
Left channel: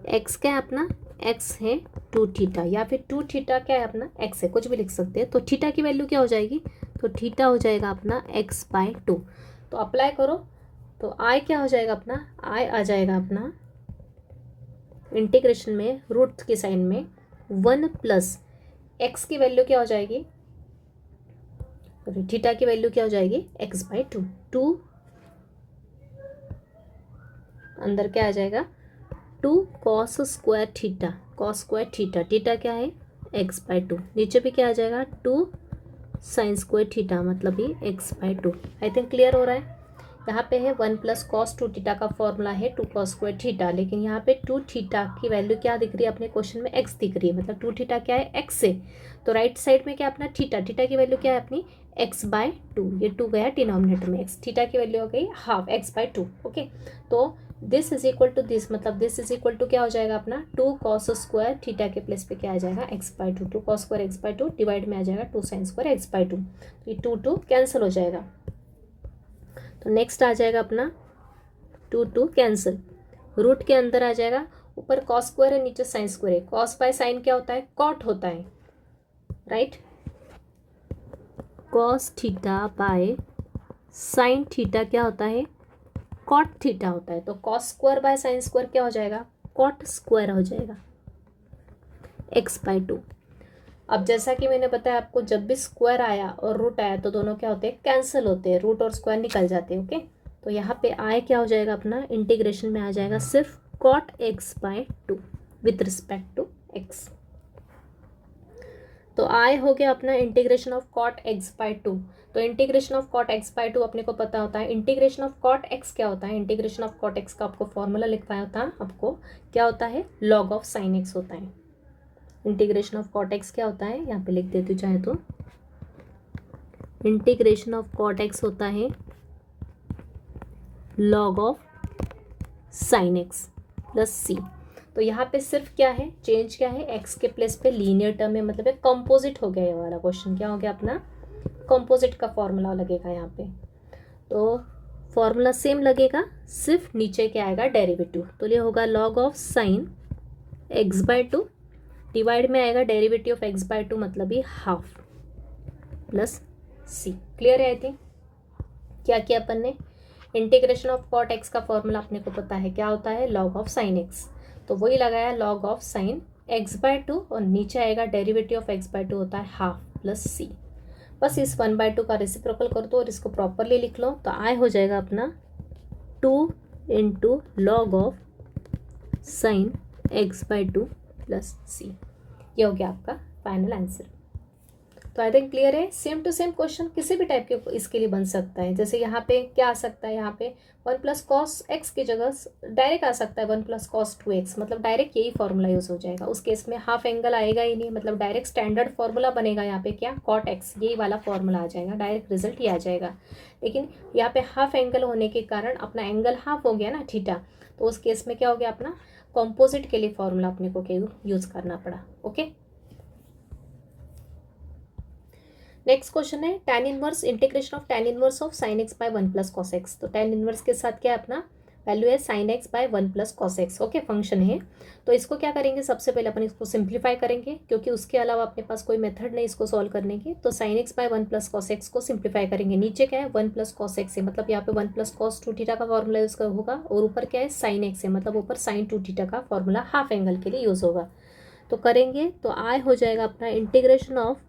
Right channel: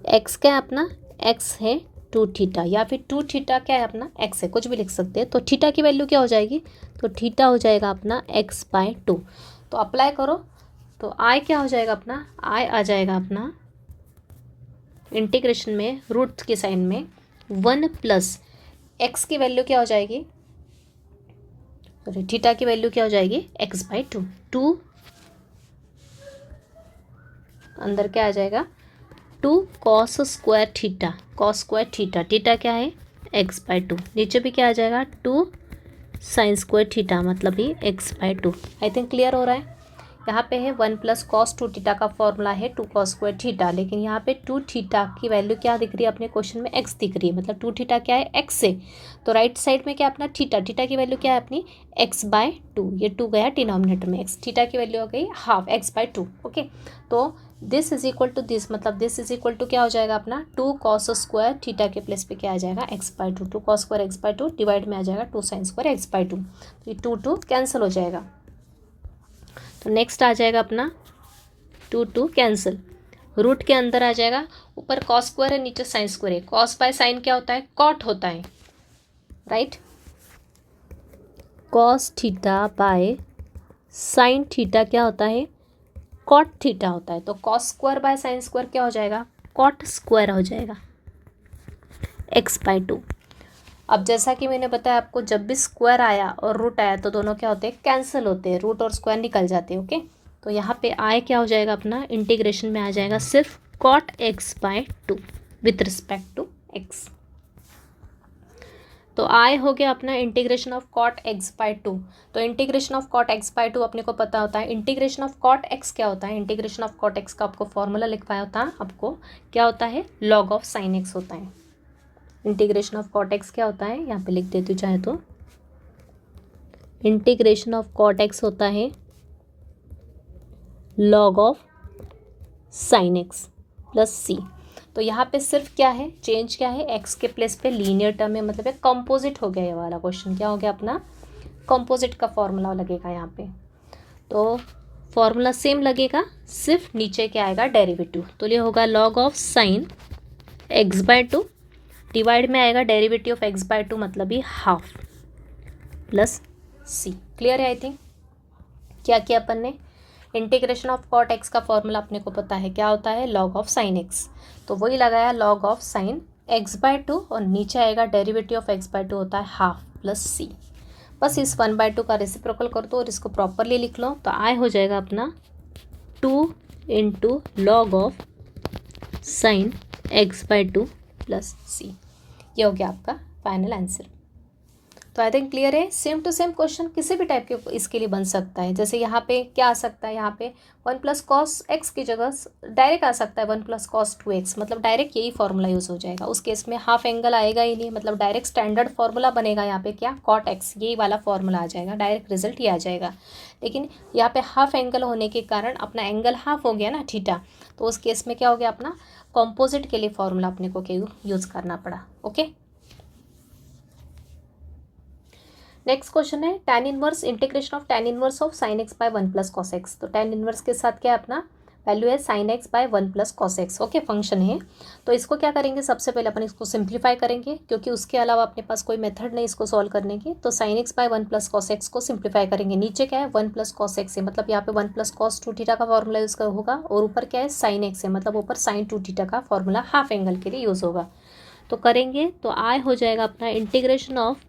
एक्स क्या है अपना, एक्स है 2 थीटा, या फिर 2 थीटा क्या है अपना एक्स है, कुछ भी लिख सकते हैं। तो थीटा की वैल्यू क्या हो जाएगी, तो थीटा हो जाएगा अपना एक्स बाय 2। तो अप्लाई करो, तो आई क्या हो जाएगा अपना, आई आ जाएगा अपना इंटीग्रेशन में रूट के साइन में 1 प्लस एक्स की वैल्यू क्या हो जाएगी, सॉरी थीटा की वैल्यू क्या हो जाएगी एक्स बाय 2, 2 अंदर क्या आ जाएगा 2 cos square theta, cos square theta, theta क्या है एक्स बाय 2, नीचे भी क्या आ जाएगा 2 साइन स्क्वायर थीटा, मतलब ही X by 2। I think clear हो रहा है। यहाँ पे है 1 प्लस कॉस 2 थीटा का फॉर्मूला है 2 कॉस स्क्वायर थीटा, लेकिन यहाँ पे 2 थीटा की वैल्यू क्या दिख रही है अपने क्वेश्चन में एक्स दिख रही है, मतलब 2 थीटा क्या है एक्स से, तो राइट साइड में क्या अपना थीटा, थीटा की वैल्यू क्या है अपनी एक्स बाय 2, ये 2 गया डिनोमिनेटर में, एक्स थीटा की वैल्यू हो गई हाफ एक्स बाय 2। ओके, तो this is equal to this, मतलब दिस इज इक्वल टू क्या हो जाएगा अपना 2 कॉस स्क्वायर थीटा के प्लेस पे क्या आ जाएगा x by 2, 2 cos square x by 2 divide में आ जाएगा 2 साइन स्क्वायर एक्स बाय 2, तो ये 2 कैंसिल हो जाएगा। तो नेक्स्ट आ जाएगा अपना 2 कैंसिल, रूट के अंदर आ जाएगा, ऊपर कॉस स्क्वायर है नीचे साइन स्क्वायर है, कॉस बाय साइन क्या होता है कॉट होता है, right. Cos theta by sine theta क्या होता है कॉट थीटा होता है, तो cos square by sine square क्या हो जाएगा कॉट स्क्वायर हो जाएगा एक्स बाय 2। अब जैसा कि मैंने बताया आपको, जब भी स्क्वायर आया और रूट आया तो दोनों क्या होते हैं कैंसिल होते हैं, रूट और स्क्वायर निकल जाते हैं। ओके, तो यहाँ पे आय क्या हो जाएगा अपना इंटीग्रेशन में आ जाएगा सिर्फ cot x by 2 with respect to x. तो आई हो गया अपना integration of cot x by 2। तो integration of cot x by 2 अपने को पता होता है। इंटीग्रेशन ऑफ कॉट एक्स क्या होता है? इंटीग्रेशन ऑफ कॉट एक्स का आपको फॉर्मूला लिखवाया होता है आपको, क्या होता है? लॉग ऑफ साइन एक्स होता है। इंटीग्रेशन ऑफ कॉट एक्स क्या होता है? यहाँ पे लिख देती हूँ चाहे तो। इंटीग्रेशन ऑफ कॉट एक्स होता है log of sine x plus C. तो यहाँ पे सिर्फ क्या है, चेंज क्या है? एक्स के प्लेस पे लीनियर टर्म है, मतलब एक कंपोजिट हो गया ये वाला क्वेश्चन। क्या हो गया अपना? कंपोजिट का फॉर्मूला लगेगा यहाँ पे। तो फॉर्मूला सेम लगेगा, सिर्फ नीचे क्या आएगा? डेरिवेटिव। तो ये होगा log of sine x by 2 divide में आएगा डेरिवेटिव ऑफ एक्स बाय 2 मतलब ही हाफ प्लस सी। क्लियर है? आई थिंक क्या किया अपन ने? इंटीग्रेशन ऑफ कॉट एक्स का फॉर्मूला अपने को पता है, क्या होता है? Log of sine x. तो वही लगाया log of sine x by 2 और नीचे आएगा डेरिवेटिव ऑफ एक्स बाय 2 होता है हाफ प्लस सी। बस इस 1/2 का रेसिप्रोकल कर दो और इसको प्रॉपरली लिख लो। तो आई हो जाएगा अपना 2 into log of sine x by 2 plus C. ये हो गया आपका फाइनल आंसर। तो आई थिंक क्लियर है। सेम टू सेम क्वेश्चन किसी भी टाइप के इसके लिए बन सकता है। जैसे यहाँ पे क्या आ सकता है? यहाँ पे 1 प्लस कॉस एक्स की जगह डायरेक्ट आ सकता है 1 प्लस कॉस 2x, मतलब डायरेक्ट यही फॉर्मूला यूज़ हो जाएगा। उस केस में हाफ एंगल आएगा ही नहीं, मतलब डायरेक्ट स्टैंडर्ड फॉर्मूला बनेगा यहाँ पे क्या? कॉट एक्स, यही वाला फॉर्मूला आ जाएगा, डायरेक्ट रिजल्ट ही आ जाएगा। लेकिन यहाँ पे हाफ एंगल होने के कारण अपना एंगल हाफ हो गया ना, थीटा। तो उस केस में क्या हो गया? अपना कॉम्पोजिट के लिए फॉर्मूला अपने को यूज़ करना पड़ा। ओके, नेक्स्ट क्वेश्चन है tan inverse integration of tan inverse of sin x by 1 plus cos x. तो tan इनवर्स के साथ क्या है अपना? वैल्यू है sin x by 1 plus cos x. Okay, function है। तो इसको क्या करेंगे? सबसे पहले अपन इसको सिंप्लीफाई करेंगे, क्योंकि उसके अलावा अपने पास कोई मेथड नहीं इसको सॉल्व करने की। तो sin x by 1 plus cos x को सिंप्लीफाई करेंगे। नीचे क्या है? 1 प्लस कॉस एक्स है, मतलब यहाँ पे 1 प्लस कॉस 2 थीटा का फॉर्मूला यूज़ होगा। और ऊपर क्या है? sin x है, मतलब ऊपर sin 2 थीटा का फॉर्मूला हाफ एंगल के लिए यूज़ होगा। तो करेंगे तो आई हो जाएगा अपना integration of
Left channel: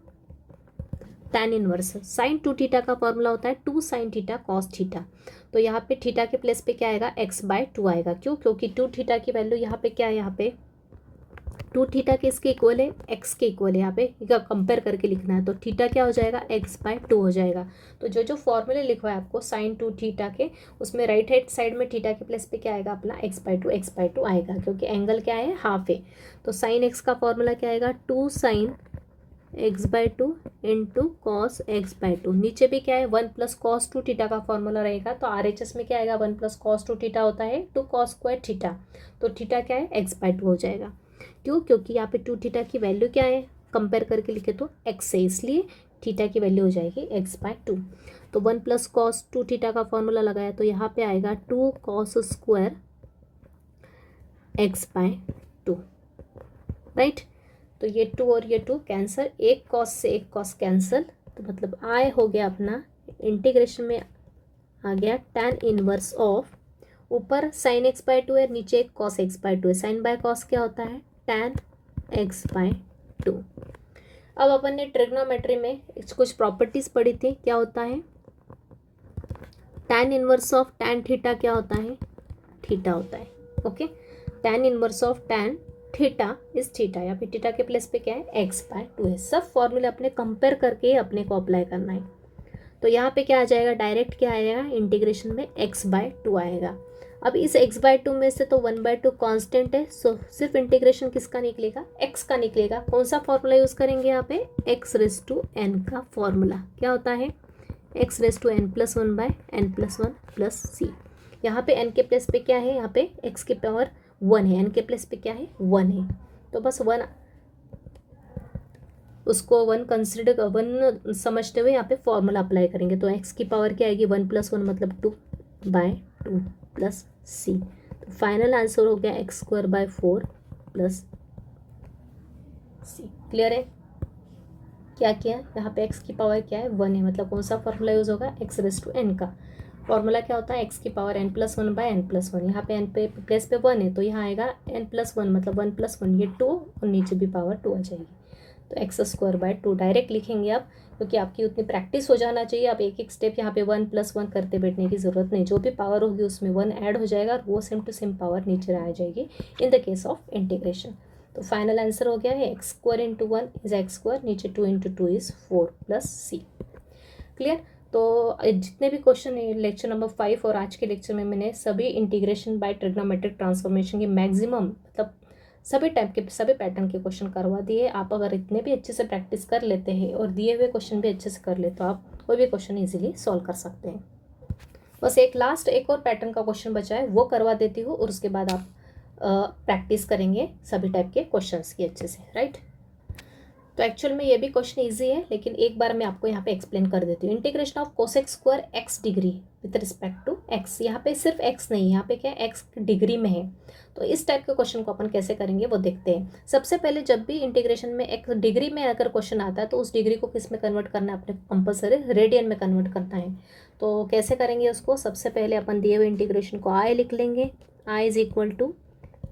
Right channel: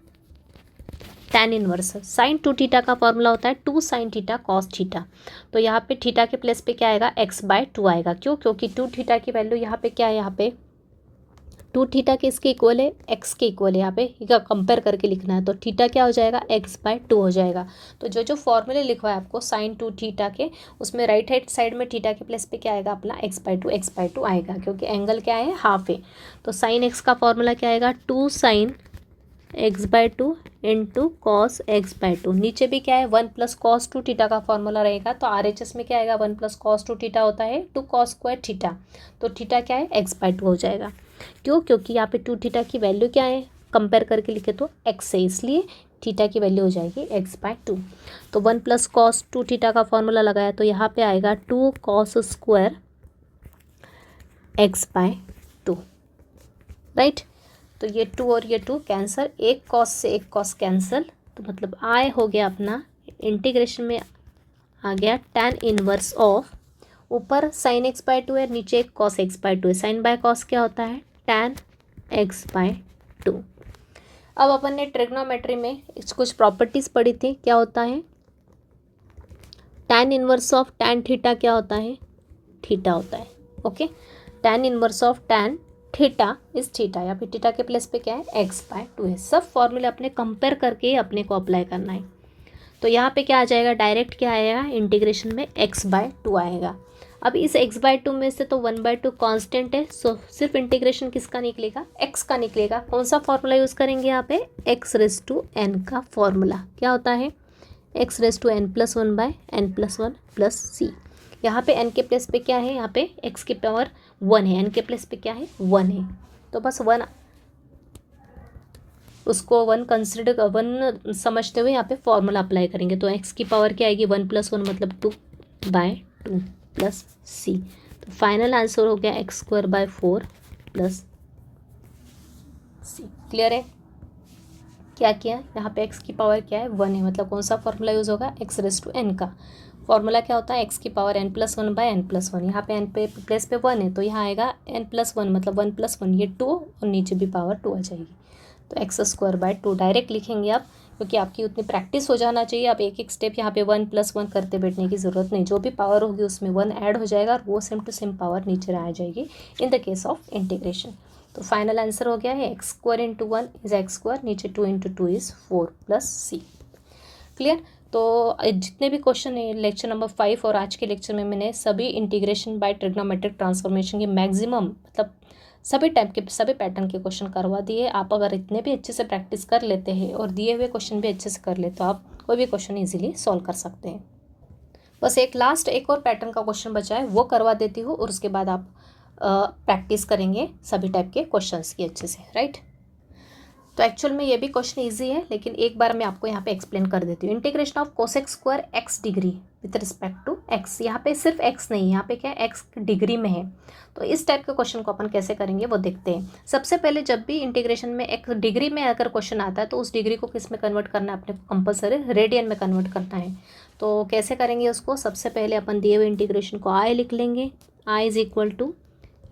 tan inverse sine 2 theta का फॉर्मूला होता है 2 साइन थीटा कॉस थीटा। तो यहाँ पे थीटा के प्लेस पे क्या आएगा? x बाय 2 आएगा। क्यों? क्योंकि 2 थीटा की वैल्यू यहाँ पे क्या है? यहाँ पे 2 थीटा के इसके इक्वल है, x के इक्वल है। यहाँ पे कंपेयर करके लिखना है। तो थीटा क्या हो जाएगा? x बाय 2 हो जाएगा। तो जो जो फॉर्मूले लिखवा है आपको साइन 2 थीटा के, उसमें राइट हैंड साइड में थीटा के प्लेस पे क्या आएगा? अपना x बाय 2 आएगा, क्योंकि एंगल क्या है? हाफ है। तो साइन x का फॉर्मूला क्या आएगा? 2 sine x by 2 into cos x by 2। नीचे भी क्या है? 1 प्लस कॉस 2 थीटा का फॉर्मूला रहेगा। तो RHS में क्या आएगा? 1 प्लस कॉस 2 थीटा होता है 2 कॉस स्क्वायर थीटा। तो थीटा क्या है? एक्स बाय 2 हो जाएगा। क्यों? क्योंकि यहाँ पे 2 थीटा की वैल्यू क्या है? कंपेयर करके लिखे तो एक्स है, इसलिए थीटा की वैल्यू हो जाएगी एक्स बाय 2। तो 1 प्लस कॉस 2 थीटा का फॉर्मूला लगाया तो यहाँ पे आएगा 2 cos square x by 2, right. तो ये 2 और ये 2 कैंसिल, एक कॉस से एक कॉस कैंसिल। तो मतलब आई हो गया अपना इंटीग्रेशन में आ गया tan इनवर्स ऑफ, ऊपर साइन एक्स बाय 2 है, नीचे एक कॉस एक्स बाय 2 है। साइन बाय कॉस क्या होता है? tan x by 2। अब अपन ने ट्रिग्नोमेट्री में कुछ प्रॉपर्टीज पढ़ी थी। क्या होता है? tan inverse of tan theta क्या होता है? थीटा होता है। Okay, tan inverse of tan theta इस थीटा, या फिर थीटा के प्लेस पे क्या है? x बाय 2 है। सब फॉर्मूले अपने कंपेयर करके अपने को अप्लाई करना है। तो यहाँ पे क्या आ जाएगा? डायरेक्ट क्या आएगा? इंटीग्रेशन में x बाय 2 आएगा। अब इस x बाय 2 में से तो 1/2 कांस्टेंट है, सो सिर्फ इंटीग्रेशन किसका निकलेगा? x का निकलेगा। कौन सा फॉर्मूला यूज़ करेंगे यहाँ पे? x रेज टू n का फॉर्मूला। क्या होता है? x raise to n plus 1 by n plus 1 plus C. यहाँ पे n के प्लेस पे क्या है? यहाँ पे x की पावर 1 है, n के प्लेस पे क्या है? 1 है। तो बस 1 उसको 1 कंसिडर 1 समझते हुए यहाँ पे फॉर्मूला अप्लाई करेंगे। तो x की पावर क्या आएगी? 1 प्लस 1 मतलब 2 बाय 2 प्लस सी। तो फाइनल आंसर हो गया x square by 4 plus C. Clear है? क्या किया यहाँ पे? x की पावर क्या है? 1 है, मतलब कौन सा फॉर्मूला यूज़ होगा? x रेज टू n का फॉर्मूला क्या होता है? x की power n plus 1 by n plus 1। यहाँ पे n पे प्लेस पे 1 है, तो यहाँ आएगा n प्लस 1 मतलब 1 प्लस 1, ये 2 और नीचे भी पावर 2 आ जाएगी। तो एक्स स्क्वायर बाय 2 डायरेक्ट लिखेंगे आप, क्योंकि आपकी उतनी प्रैक्टिस हो जाना चाहिए। आप एक एक स्टेप यहाँ पे 1 प्लस 1 करते बैठने की ज़रूरत नहीं। जो भी पावर होगी उसमें 1 ऐड हो जाएगा और वो सेम टू सेम पावर नीचे आ जाएगी in the case of integration. तो फाइनल आंसर हो गया है x square into 1 is x square, नीचे 2 into 2 is 4 plus C. Clear. तो जितने भी क्वेश्चन है लेक्चर नंबर 5 और आज के लेक्चर में मैंने सभी इंटीग्रेशन बाय ट्रिग्नोमेट्रिक ट्रांसफॉर्मेशन के मैक्सिमम मतलब सभी टाइप के सभी पैटर्न के क्वेश्चन करवा दिए। आप अगर इतने भी अच्छे से प्रैक्टिस कर लेते हैं और दिए हुए क्वेश्चन भी अच्छे से कर ले तो आप कोई भी क्वेश्चन इजीली सॉल्व कर सकते हैं। बस एक और पैटर्न का क्वेश्चन बचा है, वो करवा देती हूँ और उसके बाद आप प्रैक्टिस करेंगे सभी टाइप के क्वेश्चंस की अच्छे से, राइट। तो एक्चुअल में ये भी क्वेश्चन इजी है, लेकिन एक बार मैं आपको यहाँ पे एक्सप्लेन कर देती हूँ। Integration of cosec square x degree with respect to x, यहाँ पे सिर्फ एक्स नहीं, यहाँ पे क्या है एक्स डिग्री में है। तो इस टाइप के क्वेश्चन को अपन कैसे करेंगे वो देखते हैं। सबसे पहले जब भी इंटीग्रेशन में एक डिग्री में अगर क्वेश्चन आता है तो उस डिग्री को किस में कन्वर्ट करना है, अपने कंपल्सरी रेडियन में कन्वर्ट करना है। तो कैसे करेंगे उसको, सबसे पहले अपन दिए हुए इंटीग्रेशन को आई लिख लेंगे। I is equal to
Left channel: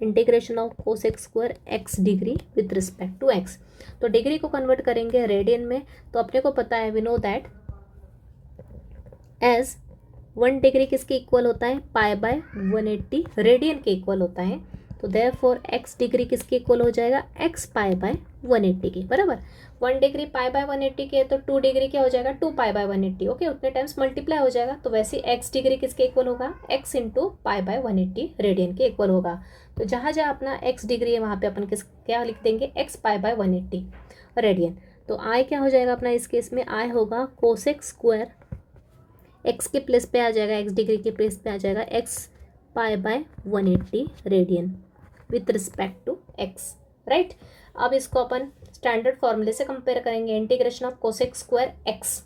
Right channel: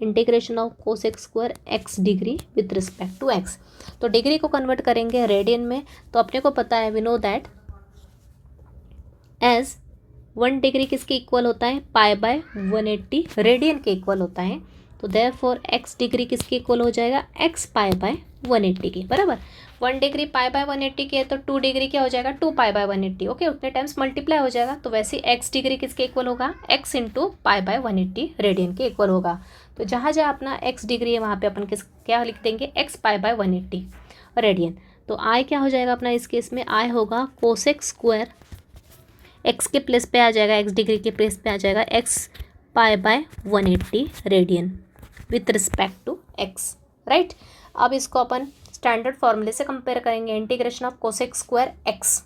integration of cosec square x degree with respect to x. तो डिग्री को कन्वर्ट करेंगे रेडियन में, तो अपने को पता है we know that as 1 degree किसके इक्वल होता है, पाई बाय 180 रेडियन के इक्वल होता है। तो देयरफॉर एक्स डिग्री किसके इक्वल हो जाएगा, एक्स पाई बाय 180 के बराबर। 1 डिग्री पाई बाय 180 की है तो 2 डिग्री क्या हो जाएगा, 2 पाई बाय 180। ओके, उतने टाइम्स मल्टीप्लाई हो जाएगा। तो वैसे एक्स डिग्री किसके इक्वल होगा, x into pi by 180 radian के इक्वल होगा। तो जहाँ जहाँ अपना एक्स डिग्री है वहाँ पे अपन क्या लिख देंगे, एक्स पाई बाय 180 रेडियन। तो आई क्या हो जाएगा अपना इस केस में, आई होगा कोसेक स्क्वायर एक्स के प्लेस पे आ जाएगा, एक्स डिग्री के प्लेस पे आ जाएगा x pi by 180 radian with respect to x, right. अब इसको अपन स्टैंडर्ड फॉर्मूले से कंपेयर करेंगे। Integration of cosec square x,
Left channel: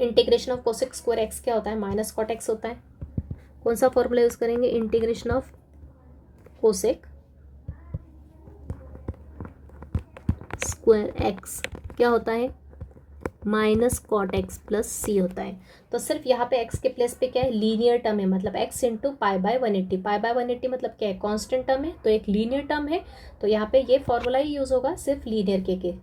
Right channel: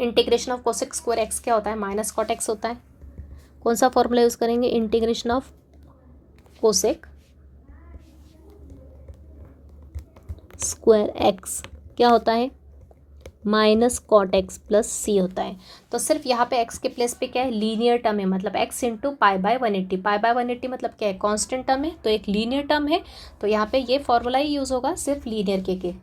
integration of cosec square x क्या होता है, माइनस कॉट एक्स होता है। कौन सा फॉर्मूला यूज़ करेंगे, integration of cosec square x क्या होता है, माइनस कॉट एक्स प्लस सी होता है। तो सिर्फ यहाँ पे एक्स के प्लेस पे क्या है, लीनियर टर्म है, मतलब x into pi by 180। Pi by 180 मतलब क्या है, कांस्टेंट टर्म है, तो एक लीनियर टर्म है। तो यहाँ पे ये फॉर्मूला ही यूज़ होगा सिर्फ लीनियर के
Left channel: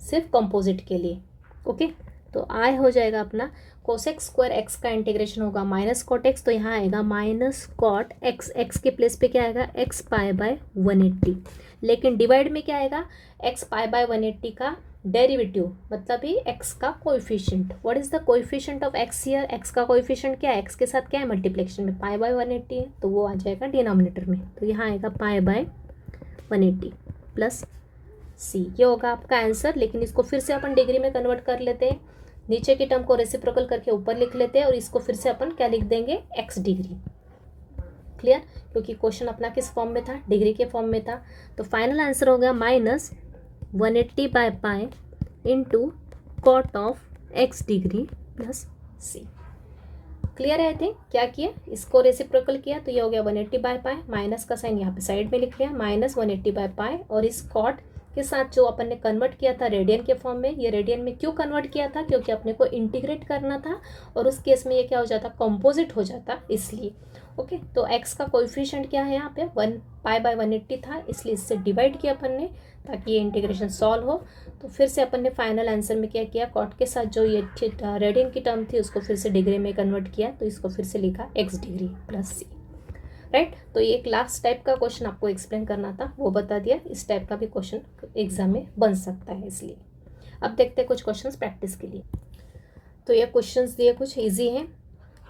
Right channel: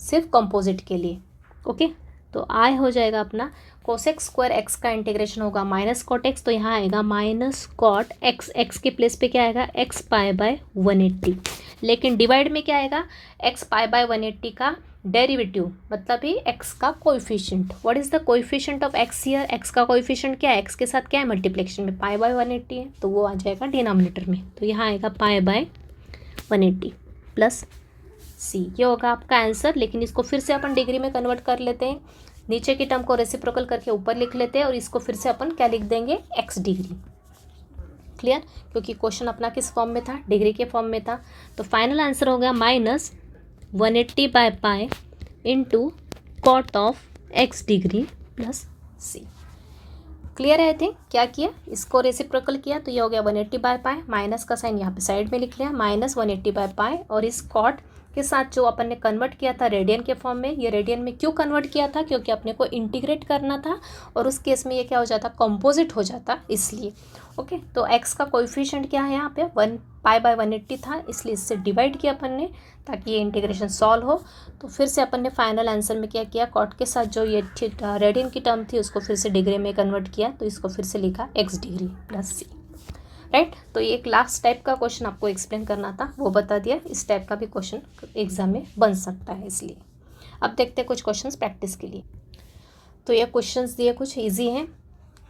सिर्फ कंपोजिट के लिए। ओके, तो आई हो जाएगा अपना कोसेक स्क्वायर एक्स का इंटीग्रेशन होगा माइनस कॉट एक्स, तो यहाँ आएगा माइनस कॉट एक्स, एक्स के प्लेस पे क्या आएगा, एक्स पाई बाय 180। लेकिन डिवाइड में क्या आएगा, एक्स पाई बाय 180 का डेरिवेटिव मतलब ही एक्स का coefficient. What is the coefficient of x here, x का कोएफिशिएंट क्या है, एक्स के साथ क्या है मल्टीप्लिकेशन में, पाई बाय 180 है, तो वो आ जाएगा डिनोमिनेटर में। तो यहाँ आएगा पाई बाय 180 प्लस सी, ये होगा आपका आंसर। लेकिन इसको फिर से अपन डिग्री में कन्वर्ट कर लेते हैं, नीचे की टर्म को रेसिप्रोकल करके ऊपर लिख लेते हैं और इसको फिर से अपन क्या लिख देंगे, एक्स डिग्री। क्लियर, क्योंकि क्वेश्चन अपना किस फॉर्म में था, डिग्री के फॉर्म में था। तो फाइनल आंसर हो गया minus 180 by pi into cot of X degree plus C. Clear है। आई थिंक क्या किया, इसको रेसिप्रोकल किया तो ये हो गया 180 बाय पाई, माइनस का साइन यहाँ पे साइड में लिख लिया, माइनस 180 बाय पाई, और इस कॉट के साथ जो अपन ने कन्वर्ट किया था रेडियन के फॉर्म में, ये रेडियन में क्यों कन्वर्ट किया था, क्योंकि अपने को इंटीग्रेट करना था और उस केस में ये क्या हो जाता, कंपोजिट हो जाता, इसलिए। ओके, तो एक्स का कोएफिशिएंट क्या है यहाँ पे 1 पाई बाय 180 था, इसलिए इससे डिवाइड किया अपन ने ताकि ये इंटीग्रेशन सॉल्व हो। तो फिर से अपन ने फाइनल आंसर में क्या किया, कॉट के साथ जो ये रेडियन की टर्म थी उसको फिर से डिग्री में कन्वर्ट किया, तो इसको फिर से लिखा x degree plus c, right. तो ये एक लास्ट टाइप का क्वेश्चन आपको एक्सप्लेन करना था, वो बता दिया। इस टाइप का भी क्वेश्चन एग्जाम में बन सकता है, इसलिए। अब देखते हैं कुछ क्वेश्चंस प्रैक्टिस के लिए। तो ये क्वेश्चंस दिए कुछ इजी हैं,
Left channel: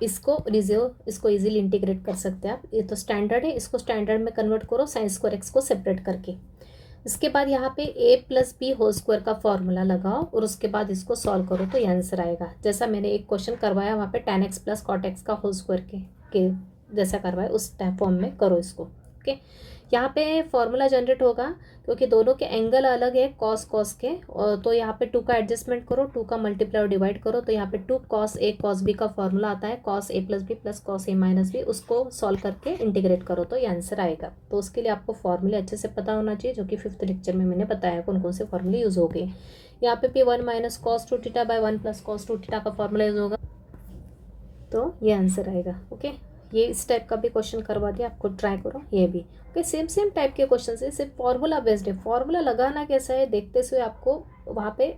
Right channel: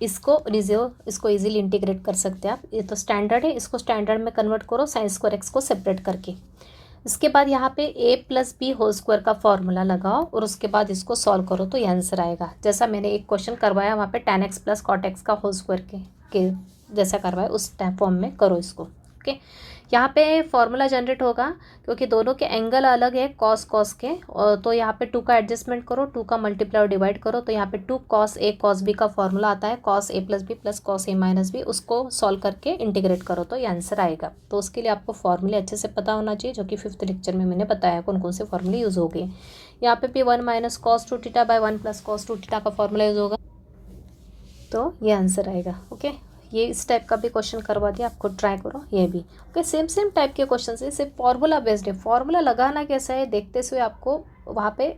इसको इजीली इंटीग्रेट कर सकते हैं आप। ये तो स्टैंडर्ड है, इसको स्टैंडर्ड में कन्वर्ट करो साइन स्क्वायर एक्स को सेपरेट करके। इसके बाद यहाँ पे a plus B whole square का फॉर्मूला लगाओ और उसके बाद इसको सॉल्व करो तो ये आंसर आएगा। जैसा मैंने एक क्वेश्चन करवाया वहाँ पे tan x plus cot x का होल स्क्वायर के जैसा करवाया उस टाइप फॉर्म में करो इसको। ओके, यहाँ पे फॉर्मूला जनरेट होगा क्योंकि दोनों के एंगल अलग है कॉस कॉस के, और तो यहाँ पे 2 का एडजस्टमेंट करो, 2 का मल्टीप्लाई और डिवाइड करो, तो यहाँ पे 2 cos a cos b का फॉर्मूला आता है, cos a plus B plus cos a minus B, उसको सॉल्व करके इंटीग्रेट करो तो ये आंसर आएगा। तो उसके लिए आपको फॉर्मूले अच्छे से पता होना चाहिए, जो कि 5th लेक्चर में मैंने बताया कौन कौन से फॉर्मूले यूज़ हो गए। यहाँ पे भी 1 minus cos 2 theta by 1 plus cos 2 theta का फॉर्मूला यूज़ होगा, तो ये आंसर आएगा। ओके, ये इस टाइप का भी क्वेश्चन करवा दिया, आपको ट्राई करो ये भी। ओके, सेम टाइप के क्वेश्चन है, सिर्फ फॉर्मूला बेस्ड है। फॉर्मूला लगाना कैसा है देखते हुए आपको वहाँ पे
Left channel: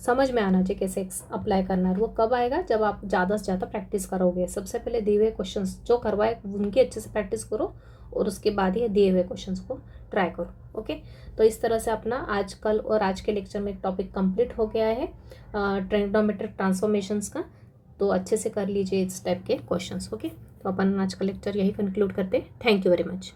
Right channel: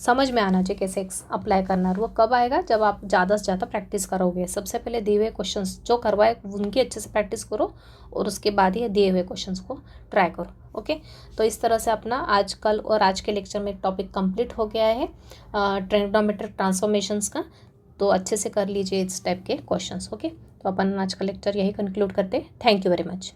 समझ में आना चाहिए कैसे अप्लाई करना है। वो कब आएगा, जब आप ज़्यादा से ज़्यादा प्रैक्टिस करोगे। सबसे पहले दिए हुए क्वेश्चन जो करवाए उनकी अच्छे से प्रैक्टिस करो, और उसके बाद ही दिए हुए क्वेश्चन को ट्राई करो। ओके, तो इस तरह से अपना आज कल और आज के लेक्चर में टॉपिक कंप्लीट हो गया है ट्रिग्नोमेट्रिक ट्रांसफॉर्मेशंस का। तो अच्छे से कर लीजिए इस टाइप के क्वेश्चंस। ओके, तो अपन आज का लेक्चर यही कंक्लूड करते हैं। Thank you very much.